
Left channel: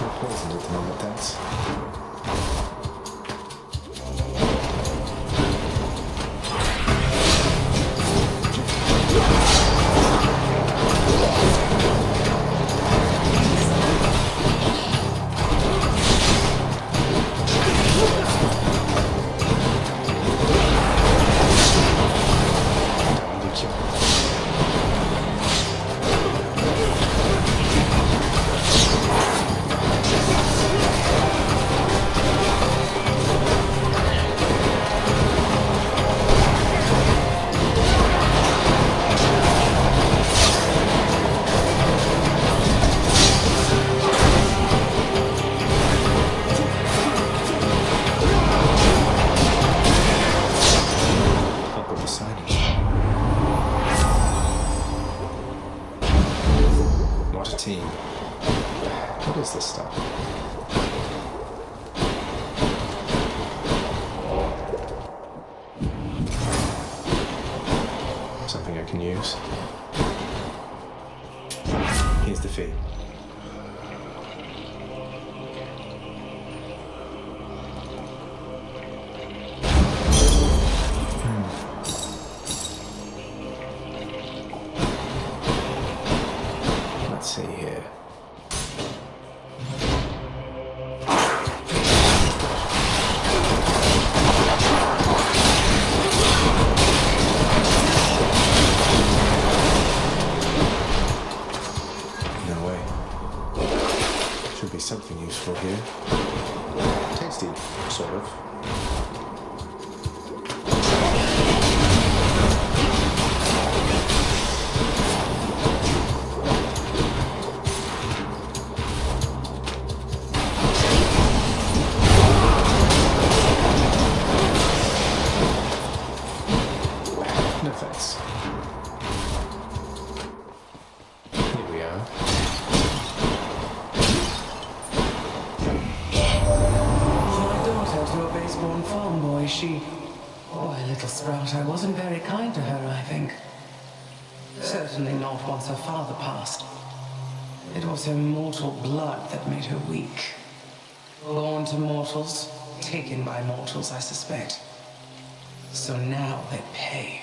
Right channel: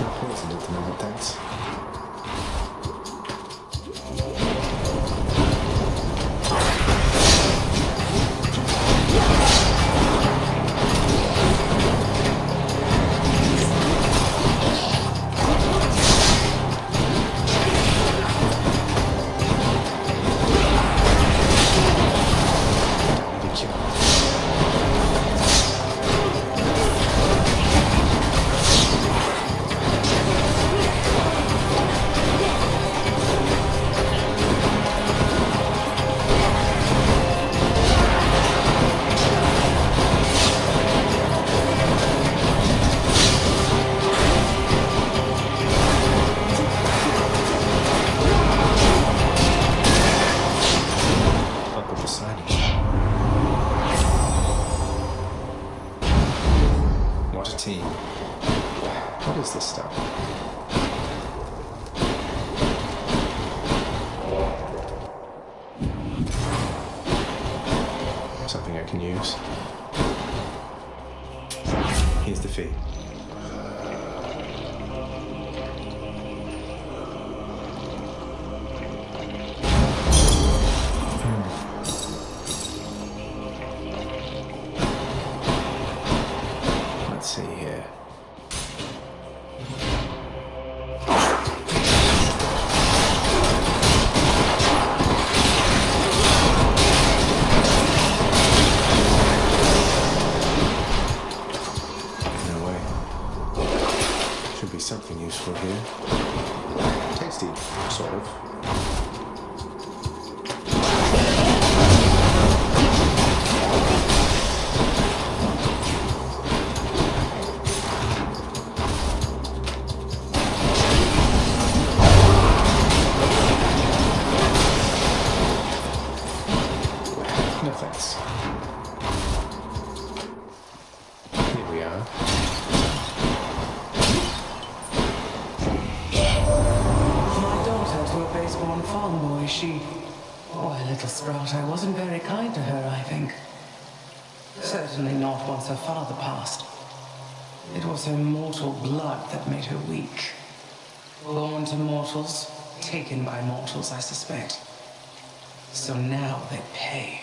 Not poisoned at the moment, thanks. Don't need a cure. Uncle Poseidon. What a team. What is this stuff? Something I can use. Here's the fee. see here. No way. Should be something useful here. Tasty, sort of. No thanks. Here we are. My daughter to a base-born farm boy, she... Why, little sprout, I wasn't very kind to her, I think. Certainly not once her father passed. It was her mortal blood that made her weak. Born to mortals, taken by mortals, I suspect. So now they pay.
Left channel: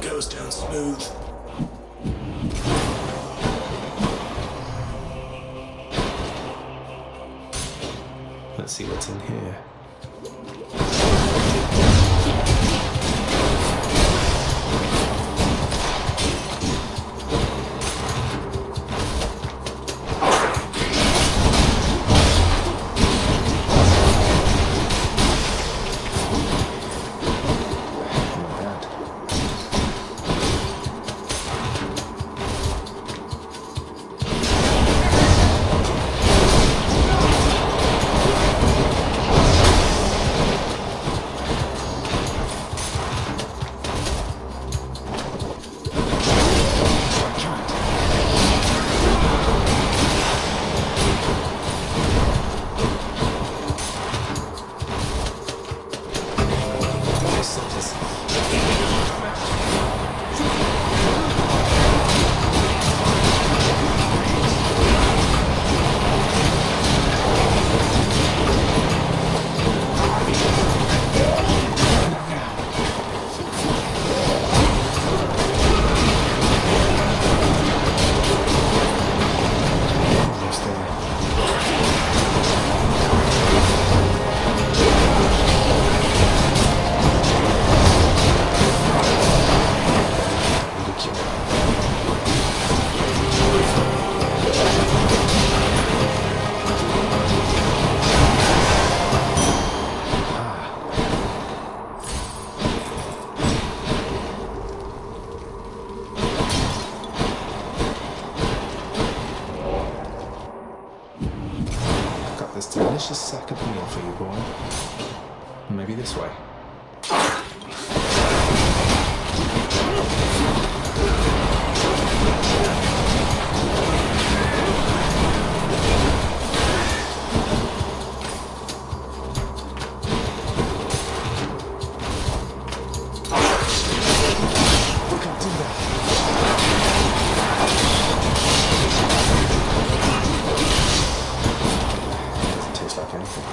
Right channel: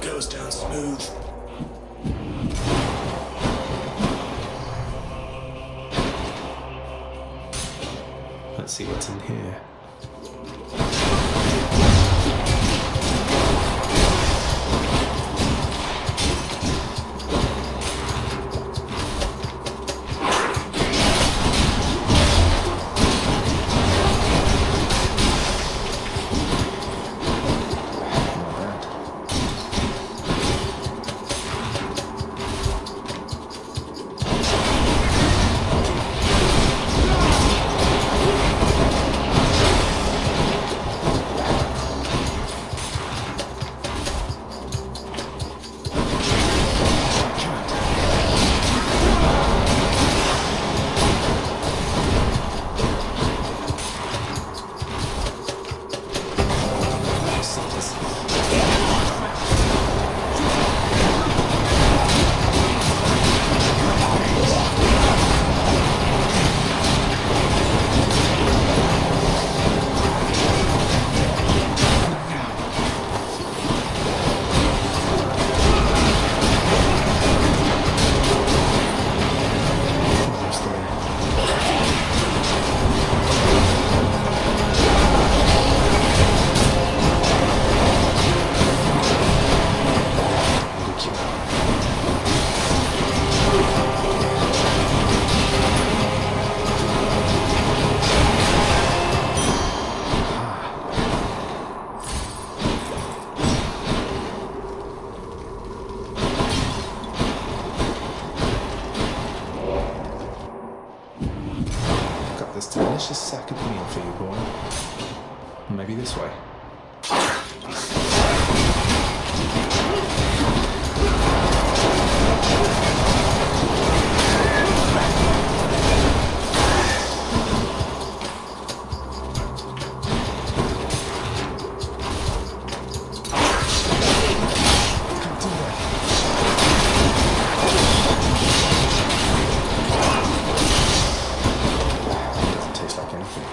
Goes down smooth. Let's see what's in here. Not bad. Almost there. Need a cure. Ah. Got this delicious sack of meal for you, boy. Maybe this way. Can't do that. Doesn't taste like anything.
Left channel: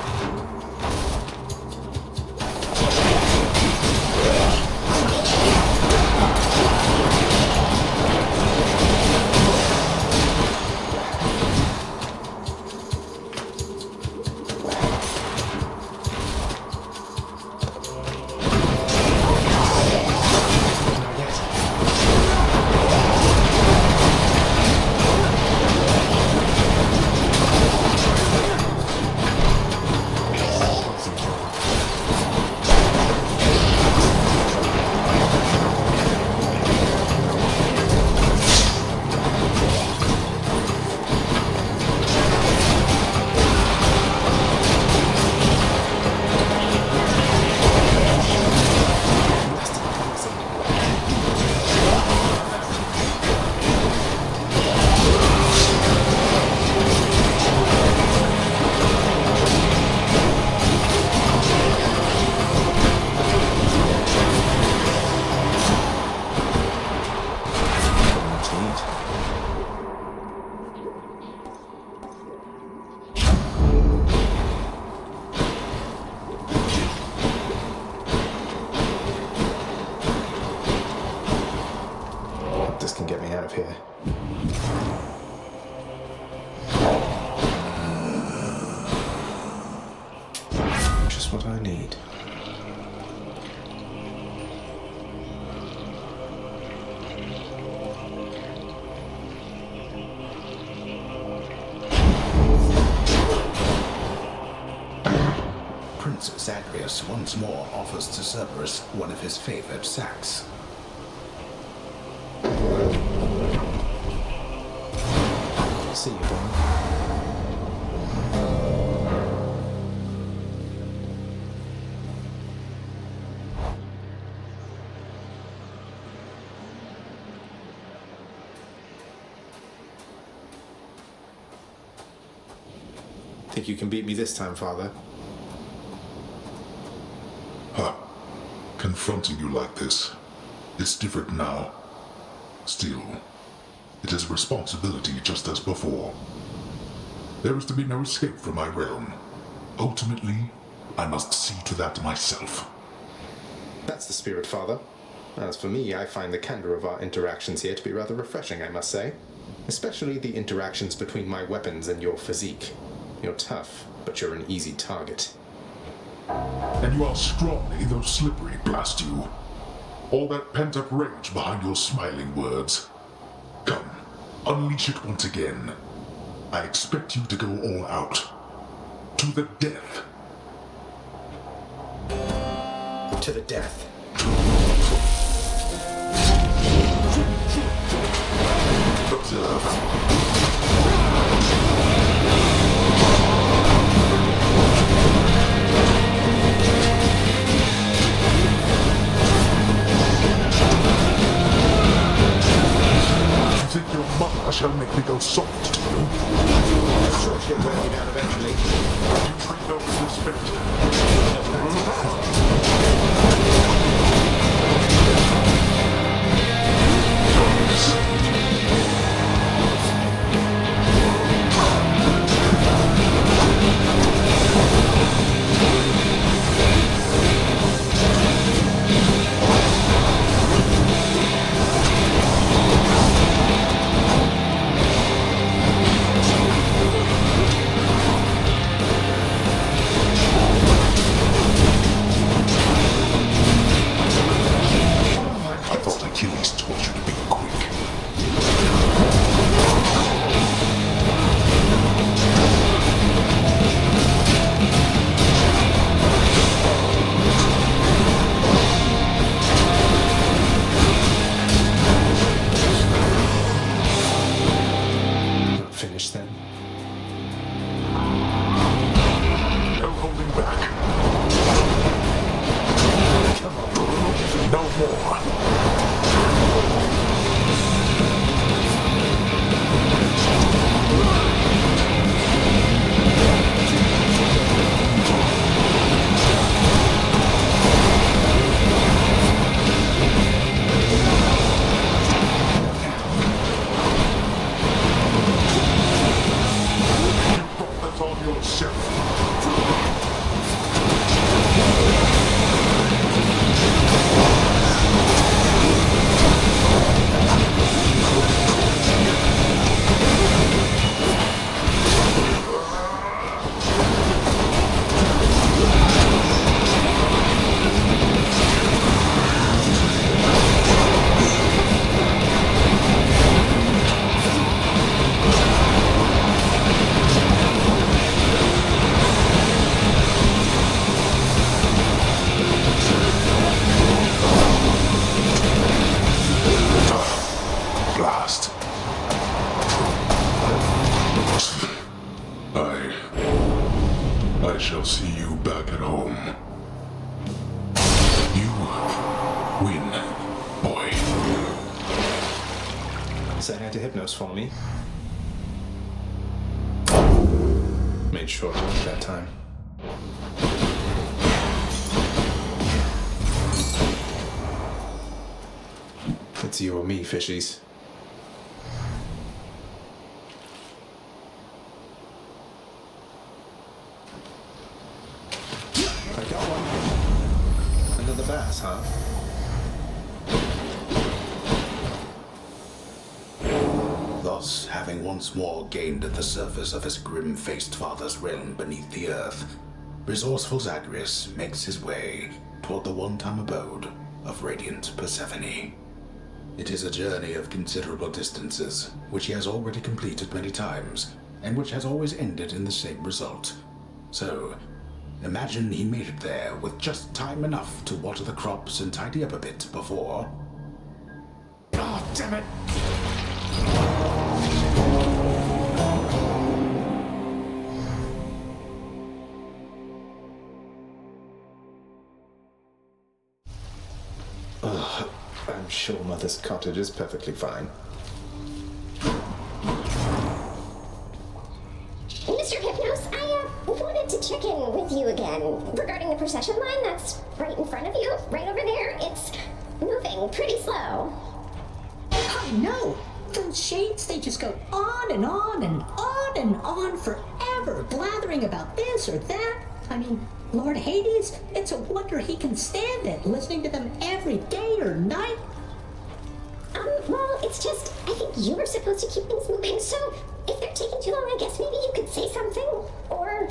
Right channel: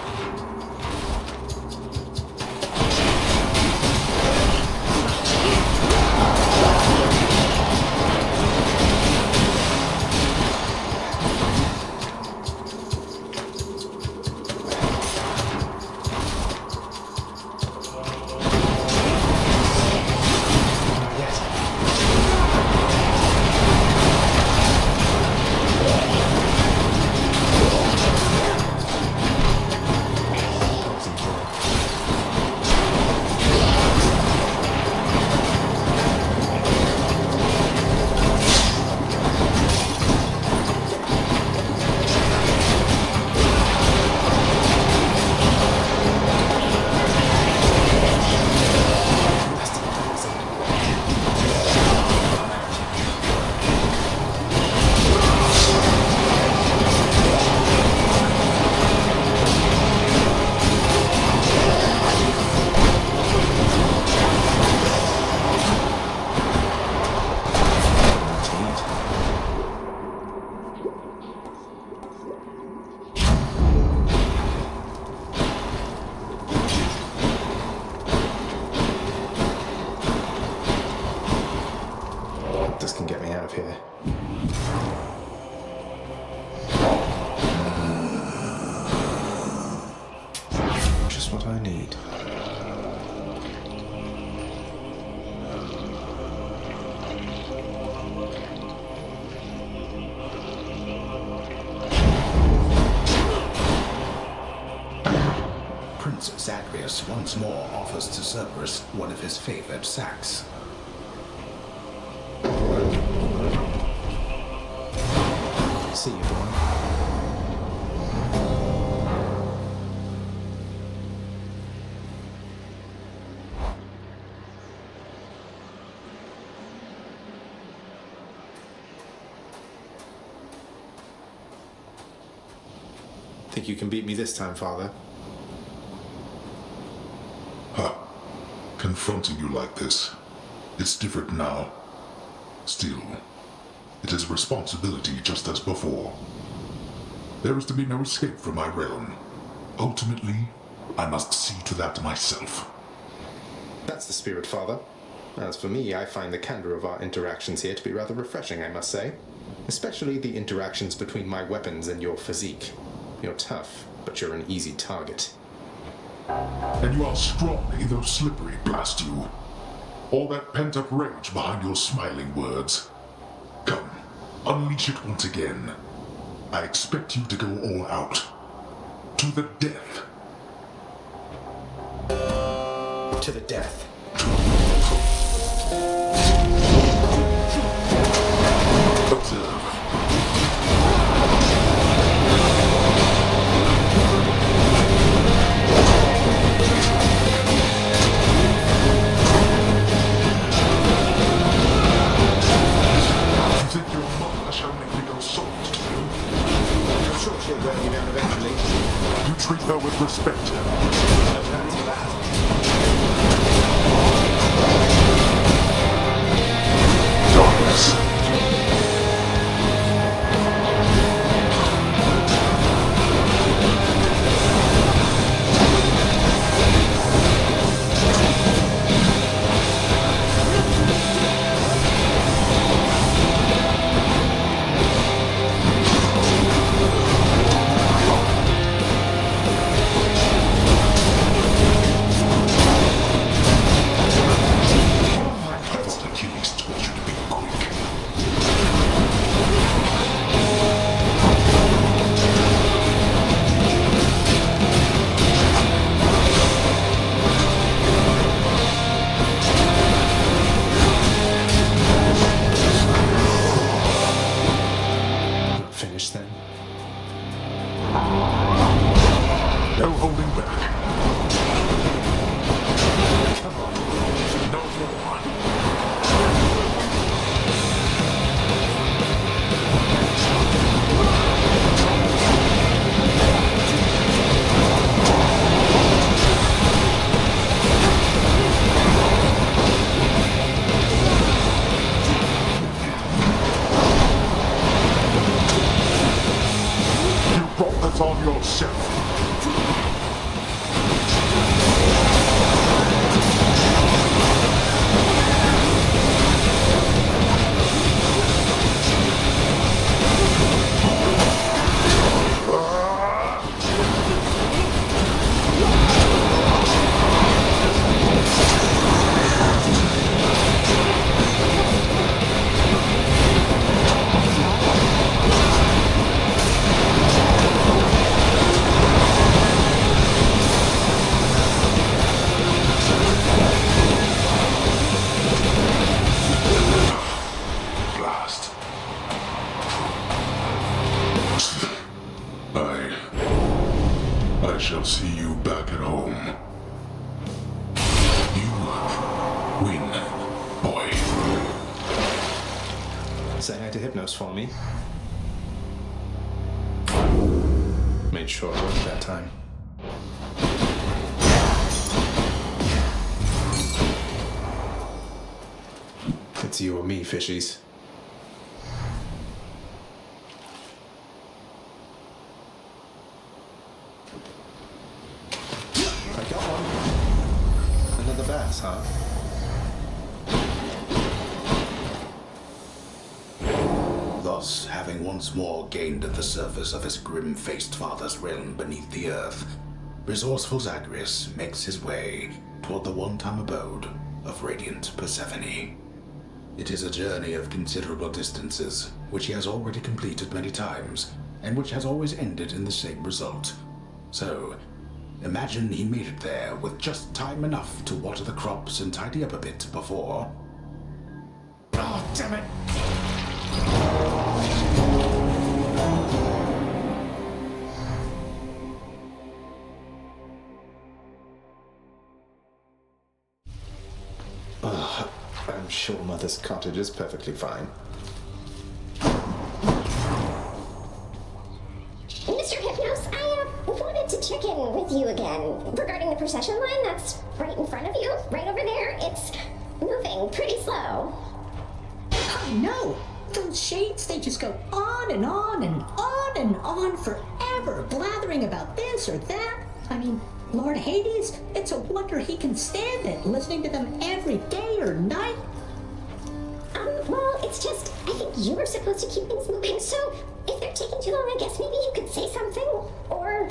hope this can get me out of here. Just what I need. Prince Zagreu once more offers to Cerberus one of his favored sacks. See you, boy. Think you can beat me this time, Father? Confronting you like this, it's different now. Still, it is a responsibility just as before. There is to be no escape from my realm. Ultimately, I must see to that myself. That's the spirit, Father. As for me, I find the candor of our interactions here to be rather refreshing, I must say. Especially the interactions between my weapons and your physique. You're tough, but you're an easy target. And you are scrawny, though slippery, blast you. All that pent-up rage behind your smiling words. Come, unleash it once again. I expect you to go all out. To the death. To the death. Observe. Think your mother shall make me go soft to you? I'm sure she'll wear me down eventually. You treat her with respect. No plans for that. I shall see you back at home. You win, boy. Say hi to Hypnos for me. Made short work that time. It's you or me, fishies. I got one. Another bass, huh? Because, having once more gained at the surface of his grim-faced father's realm beneath the earth, resourceful Zagreus makes his way toward the one-time abode of radiant Persephone. It is a journey of considerable distances, which he has already completed many times, and which has always ended in the same result. So, imagine he made it there with just time enough to water the crops and tidy up a bit before... Oh, damn it! I'm sure Mother's cottage is perfectly fine. Mr. Hypnos, I wanted to check in with you again regarding the procession line that's right in front of you, right over there. It's moving pretty slow. I know. Those shades, they just go on and on and on and on forever, blathering about this or that. I mean, Lord Hades, it's a wonder he can stand it, listening to them every day or night. Well, it's just, I think you were supposed to keep things moving, so if they're taking too long, I guess maybe you could say something, or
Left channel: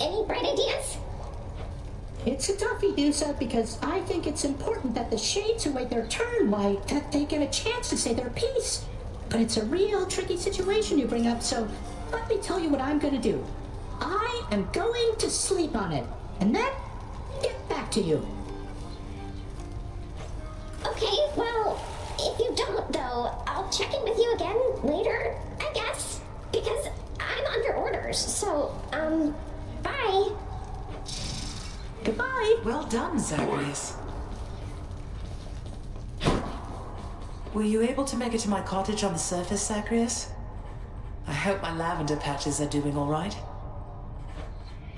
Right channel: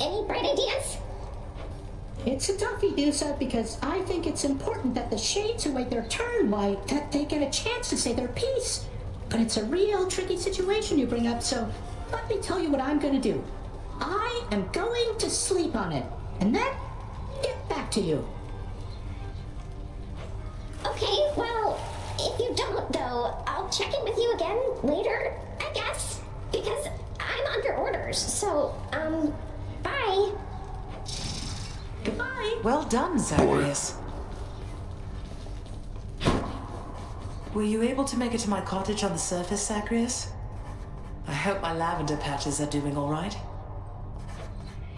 any bright ideas? It's a toughie, Dusa, because I think it's important that the shades who wait their turn, why, that they get a chance to say their piece. But it's a real tricky situation you bring up, so let me tell you what I'm gonna do. I am going to sleep on it, and then get back to you. Okay, well, if you don't, though, I'll check in with you again later, I guess, because I'm under orders, so, bye. Goodbye. Well done, Zagreus. Were you able to make it to my cottage on the surface, Zagreus? I hope my lavender patches are doing all right.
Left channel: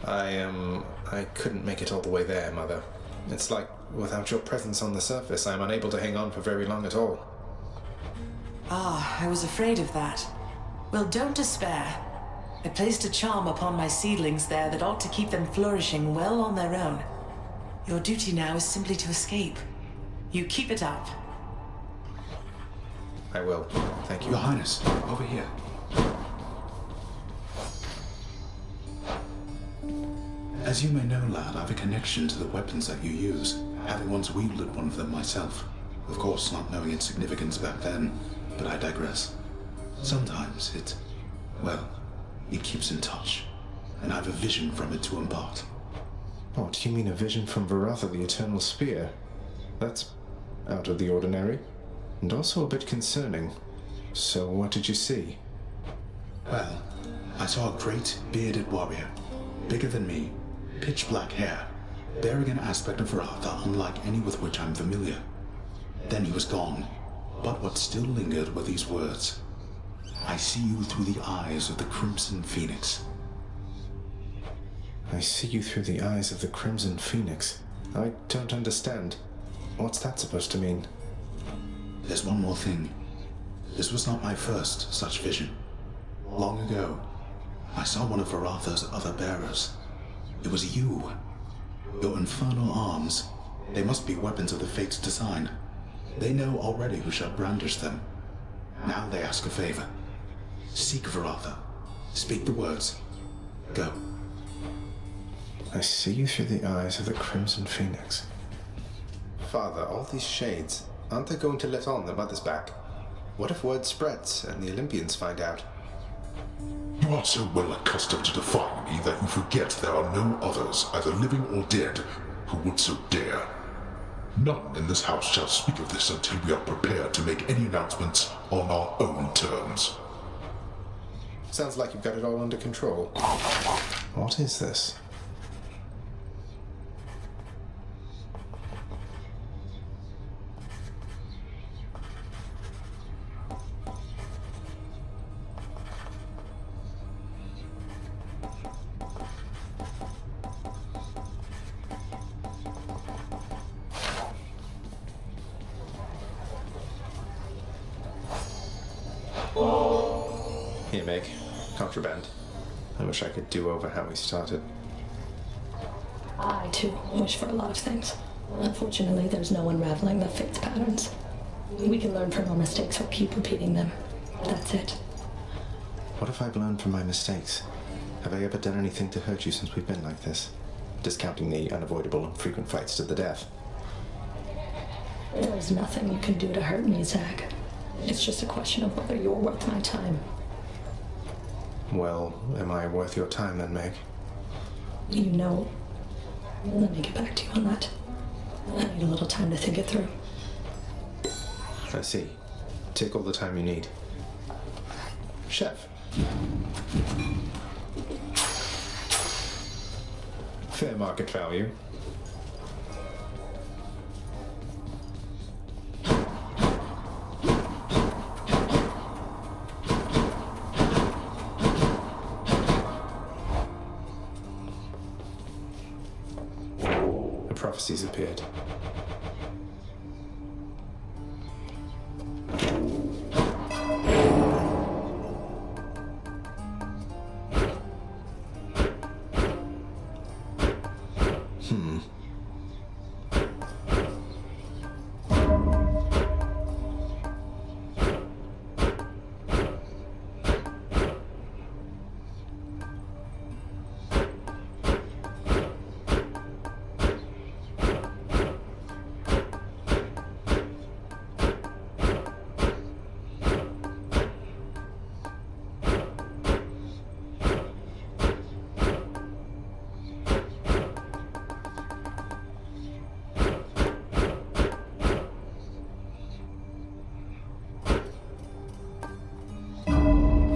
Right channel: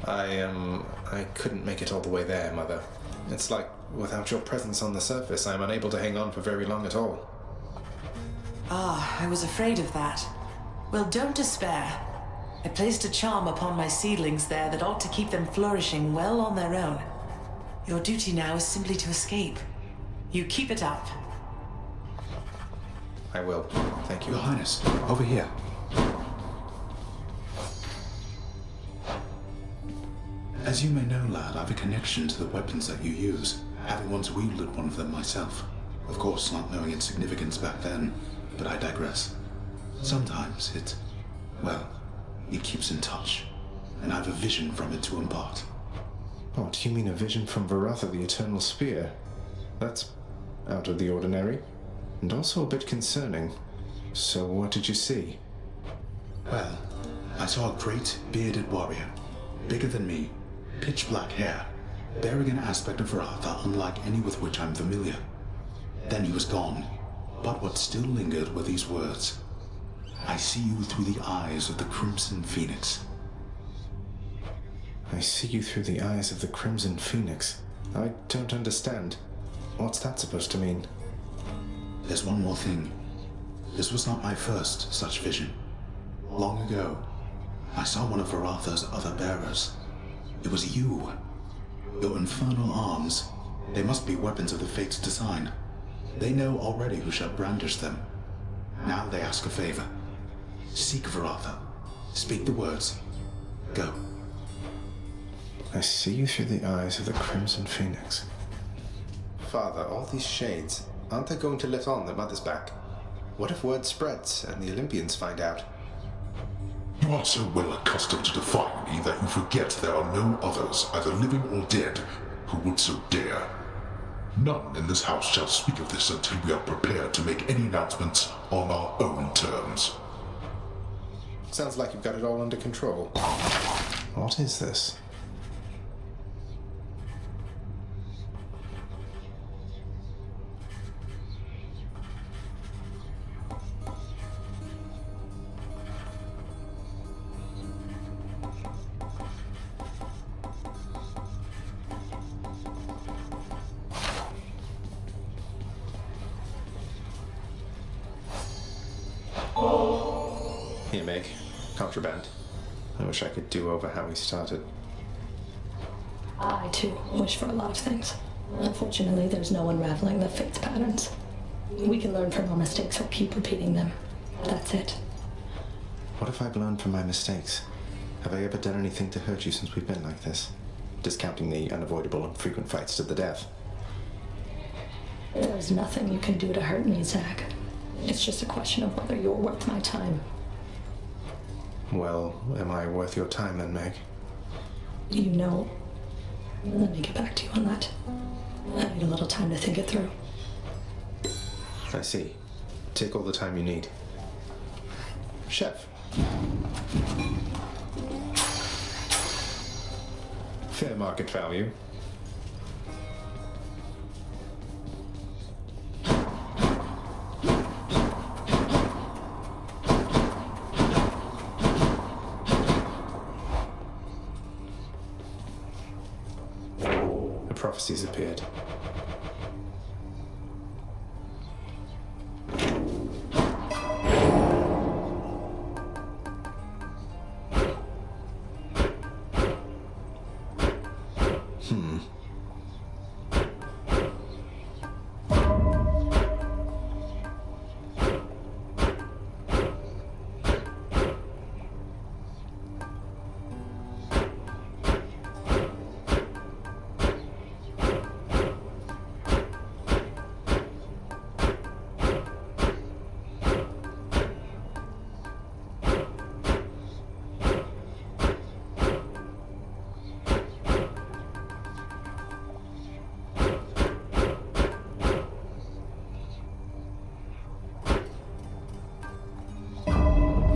I couldn't make it all the way there, Mother. It's like, without your presence on the surface, I'm unable to hang on for very long at all. Ah, I was afraid of that. Well, don't despair. I placed a charm upon my seedlings there that ought to keep them flourishing well on their own. Your duty now is simply to escape. You keep it up. I will. Thank you. Your Highness, over here. As you may know, lad, I have a connection to the weapons that you use, having once wielded one of them myself. Of course, not knowing its significance back then, but I digress. Sometimes it keeps in touch, and I have a vision from it to impart. What, you mean a vision from Varatha, the Eternal Spear? That's out of the ordinary, and also a bit concerning. So what did you see? Well, I saw a great, bearded warrior, bigger than me, pitch black hair, bearing an aspect of Varatha unlike any with which I'm familiar. Then he was gone, but what still lingered were these words. I see you through the eyes of the Crimson Phoenix. I see you through the eyes of the Crimson Phoenix. I don't understand. What's that supposed to mean? There's one more thing. This was not my first such vision. Long ago, I saw one of Varatha's other bearers. It was you. Your infernal arms. They must be weapons of the Fates' design. They know already who shall brandish them. Now they ask a favor. Seek Varatha. Speak the words. Go. I see you through the eyes of the Crimson Phoenix. Father, all these shades, aren't they going to let on that Mother's back? What if word spreads and the Olympians find out? You are so well accustomed to defying me that you forget there are no others, either living or dead, who would so dare. None in this house shall speak of this until we are prepared to make any announcements on our own terms. Sounds like you've got it all under control. What is this? Here, Meg. Contraband. I wish I could do over how we started. I, too, wish for a lot of things. Unfortunately, there's no unraveling the fate's patterns. We can learn from our mistakes or keep repeating them. That's it. What if I've learned from my mistakes? Have I ever done anything to hurt you since we've been like this? Discounting the unavoidable and frequent fights to the death. There's nothing you can do to hurt me, Zag. It's just a question of whether you're worth my time. Well, am I worth your time then, Meg? You know... Let me get back to you on that. I need a little time to think it through. I see. Take all the time you need. Chef. Fair market value. The prophecies appeared.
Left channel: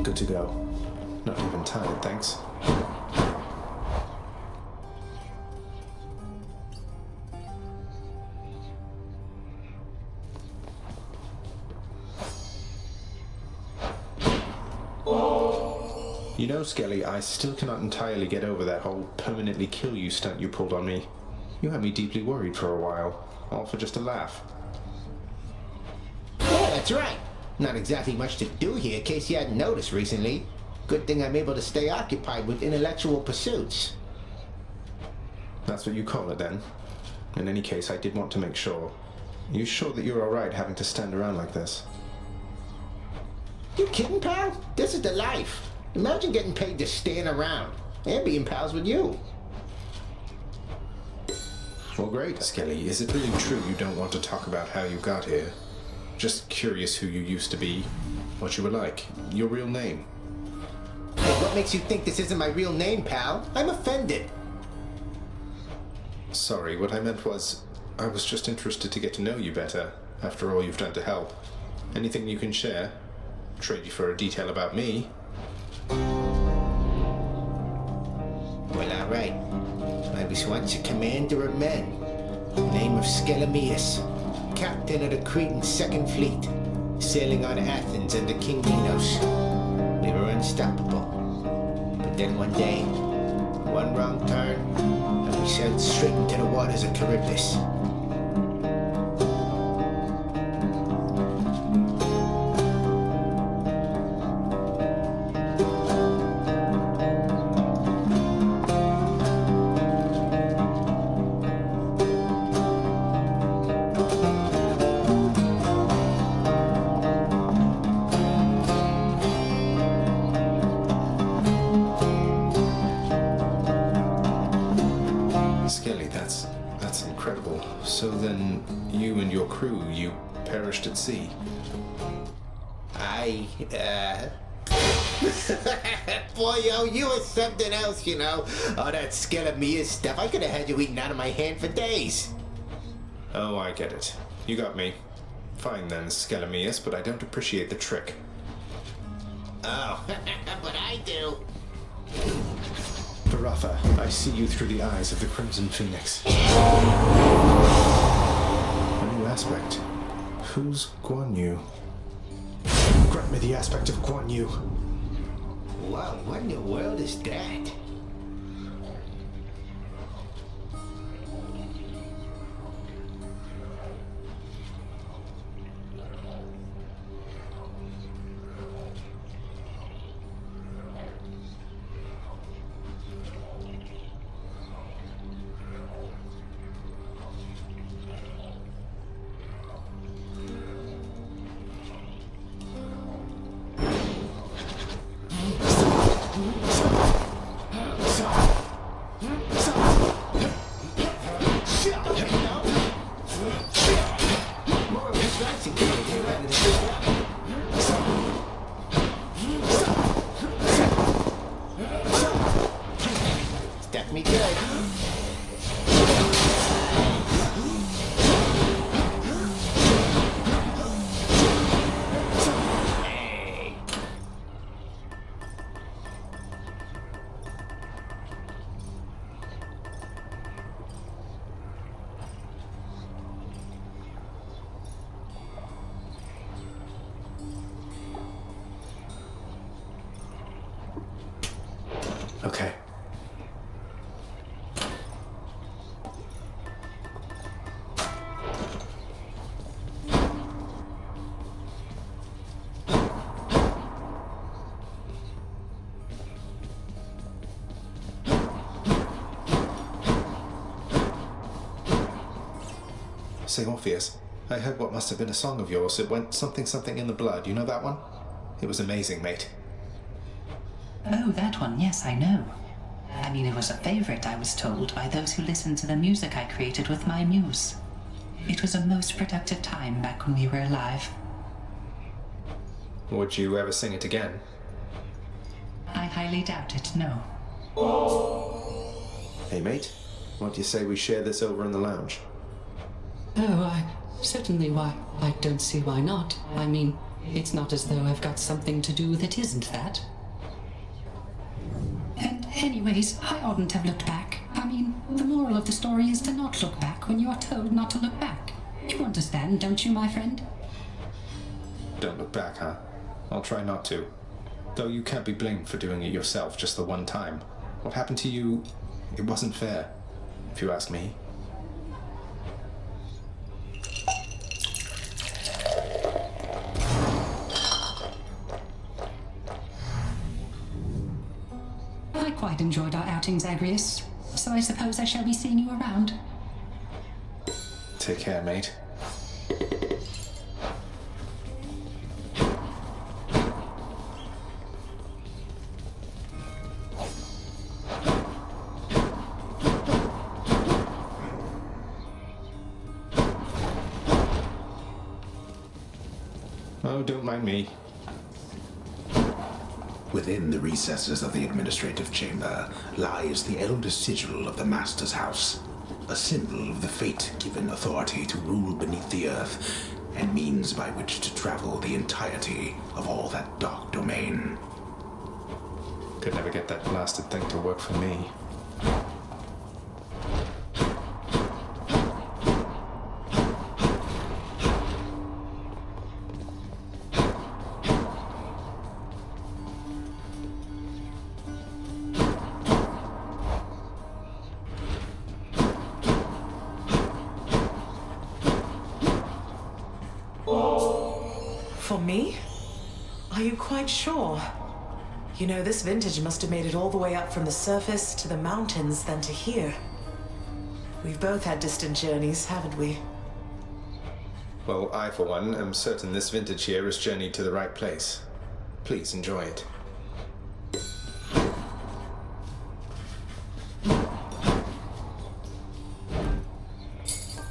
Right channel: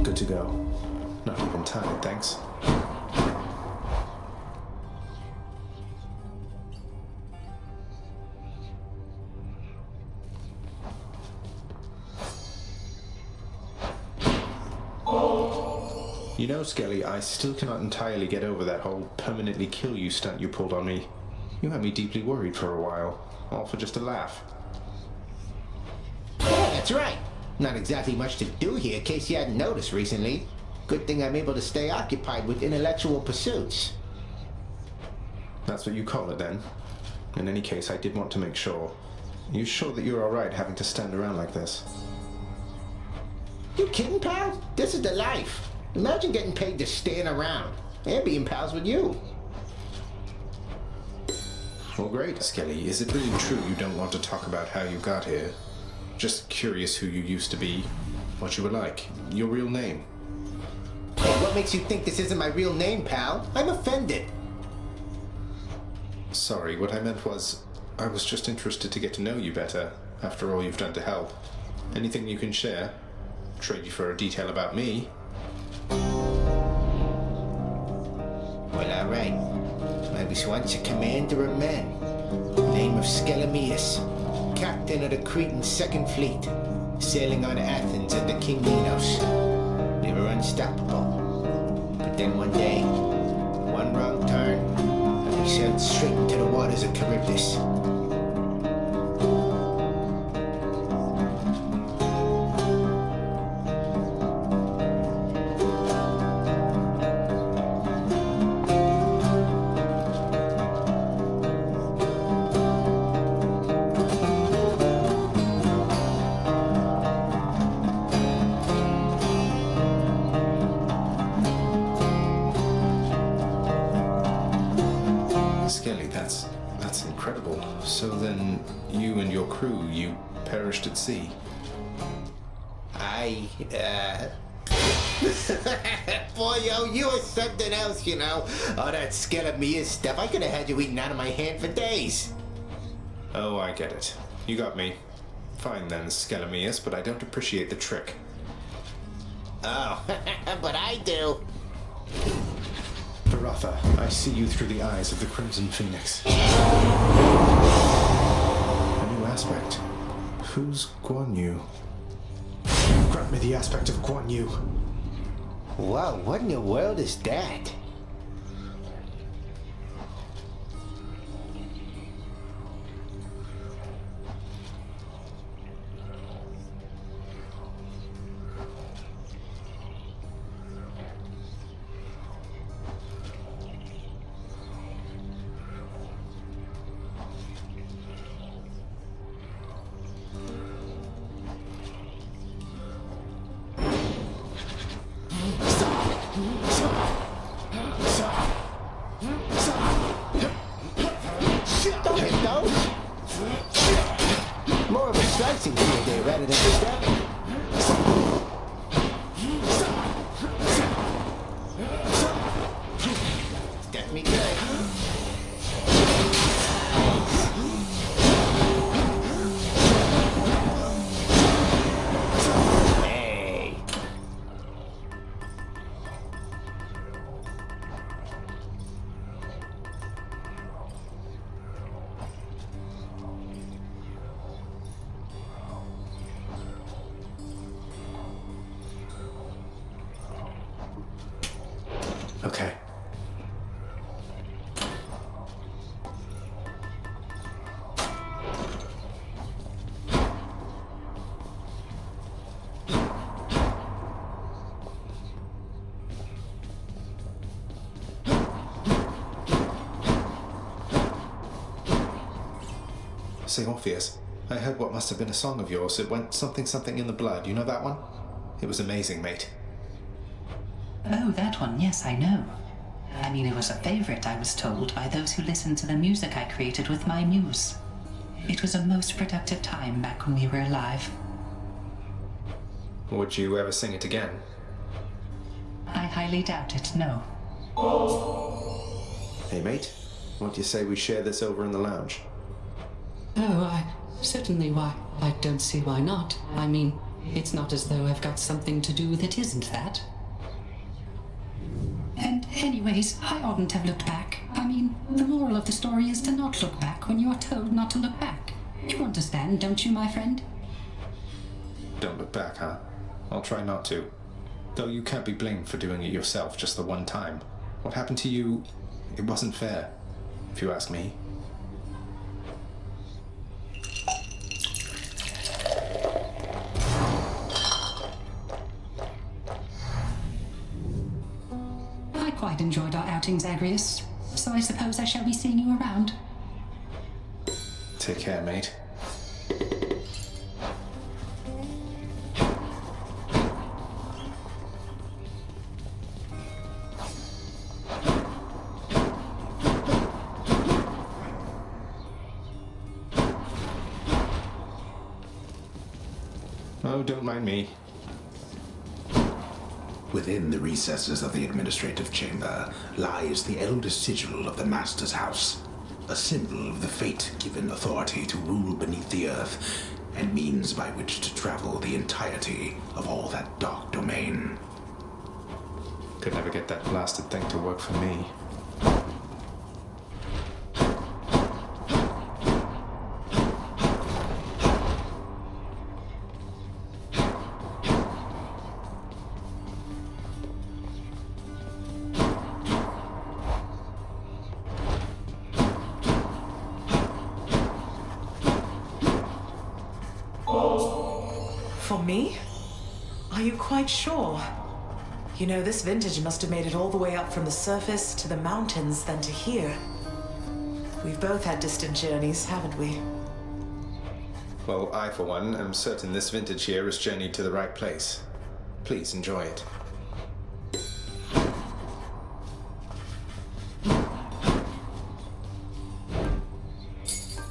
Good to go. Not even tired, thanks. You know, Skelly, I still cannot entirely get over that whole permanently kill you stunt you pulled on me. You had me deeply worried for a while, all for just a laugh. Yeah, that's right. Not exactly much to do here, in case you hadn't noticed recently. Good thing I'm able to stay occupied with intellectual pursuits. That's what you call it, then? In any case, I did want to make sure. Are you sure that you're alright having to stand around like this? You kidding, pal? This is the life. Imagine getting paid to stand around and being pals with you. Well, great, Skelly. Is it really true you don't want to talk about how you got here? Just curious who you used to be, what you were like, your real name. Hey, what makes you think this isn't my real name, pal? I'm offended. Sorry, what I meant was, I was just interested to get to know you better, after all you've done to help. Anything you can share? Trade you for a detail about me. Well, alright. I was once a commander of men. Name of Skelemius. Captain of the Cretan Second Fleet, sailing on Athens under King Minos. We were unstoppable. But then one day, one wrong turn, and we sailed straight into the waters of Charybdis. Skelly, that's incredible. So then, you and your crew, you perished at sea? Boy, yo, you are something else, you know. All that Skelemius stuff, I could have had you eaten out of my hand for days. Oh, I get it. You got me. Fine then, Skelemius, but I don't appreciate the trick. Oh, but I do. Varatha, I see you through the eyes of the Crimson Phoenix. A new aspect. Who's Guan Yu? Grant me the aspect of Guan Yu. Wow, what in the world is that? Okay. Say, Orpheus, I heard what must have been a song of yours. It went something something in the blood. You know that one? It was amazing, mate. Oh, that one, yes, I know. I mean, it was a favorite, I was told, by those who listened to the music I created with my muse. It was a most productive time back when we were alive. Would you ever sing it again? I highly doubt it, no. Hey, mate, what do you say we share this over in the lounge? Oh, certainly, why? I don't see why not. I mean, it's not as though I've got something to do that isn't that. And anyways, I oughtn't have looked back. I mean, the moral of the story is to not look back when you are told not to look back. You understand, don't you, my friend? Don't look back, huh? I'll try not to. Though you can't be blamed for doing it yourself just the one time. What happened to you, it wasn't fair, if you ask me. I quite enjoyed our outing, Zagreus, so I suppose I shall be seeing you around. Take care, mate. Oh, don't mind me. Within the recesses of the administrative chamber lies the eldest sigil of the Master's house, a symbol of the fate-given authority to rule beneath the earth, and means by which to travel the entirety of all that dark domain. Could never get that blasted thing to work for me. For me? Are you quite sure? You know, this vintage must have made it all the way up from the surface to the mountains, then to here. We've both had distant journeys, haven't we? Well, I, for one, am certain this vintage here has journeyed to the right place. Please enjoy it.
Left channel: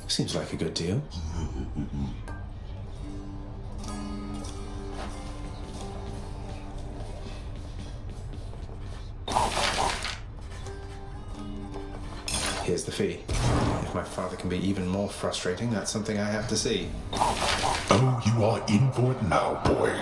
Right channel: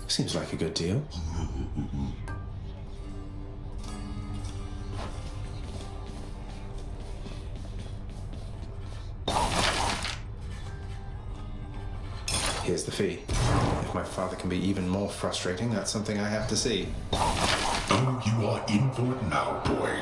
Seems like a good deal. Here's the fee. If my father can be even more frustrating, that's something I have to see. Oh, you are in for it now, boy.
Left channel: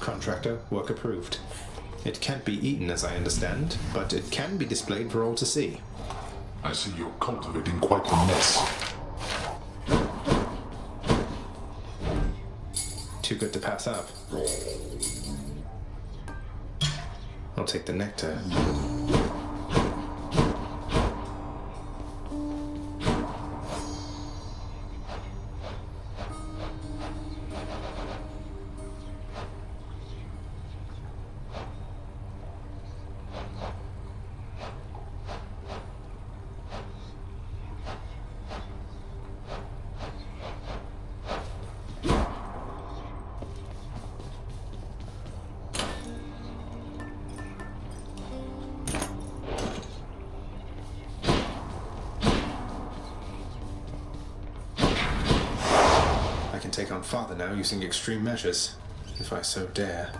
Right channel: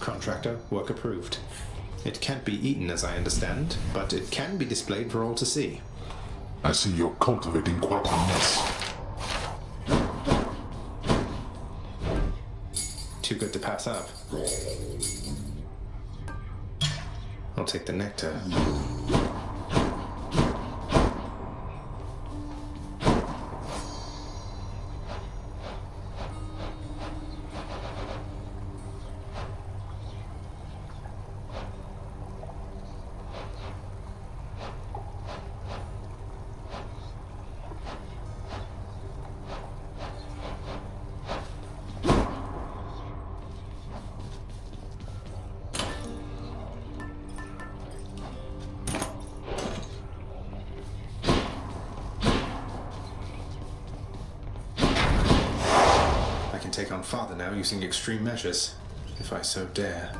Contractor, work approved. It can't be eaten, as I understand, but it can be displayed for all to see. I see you're cultivating quite the mess. Too good to pass up. I'll take the nectar. I can take on Father now using extreme measures, if I so dare.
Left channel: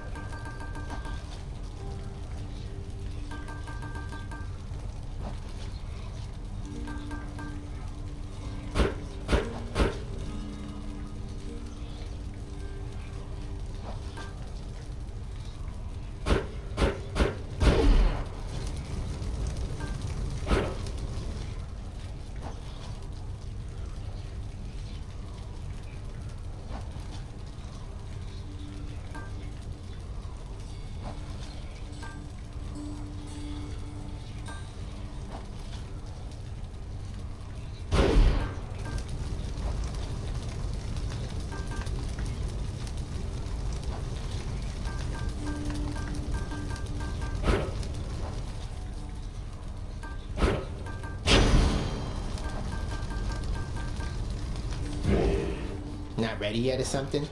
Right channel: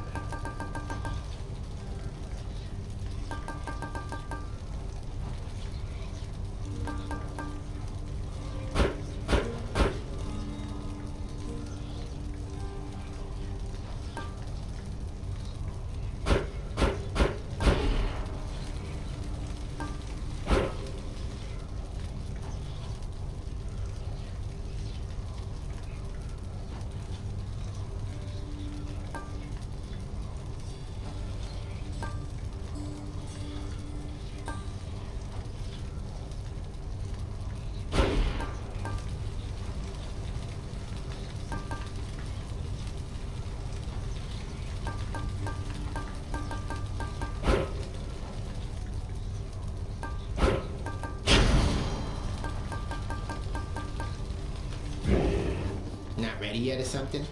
not ready yet or something?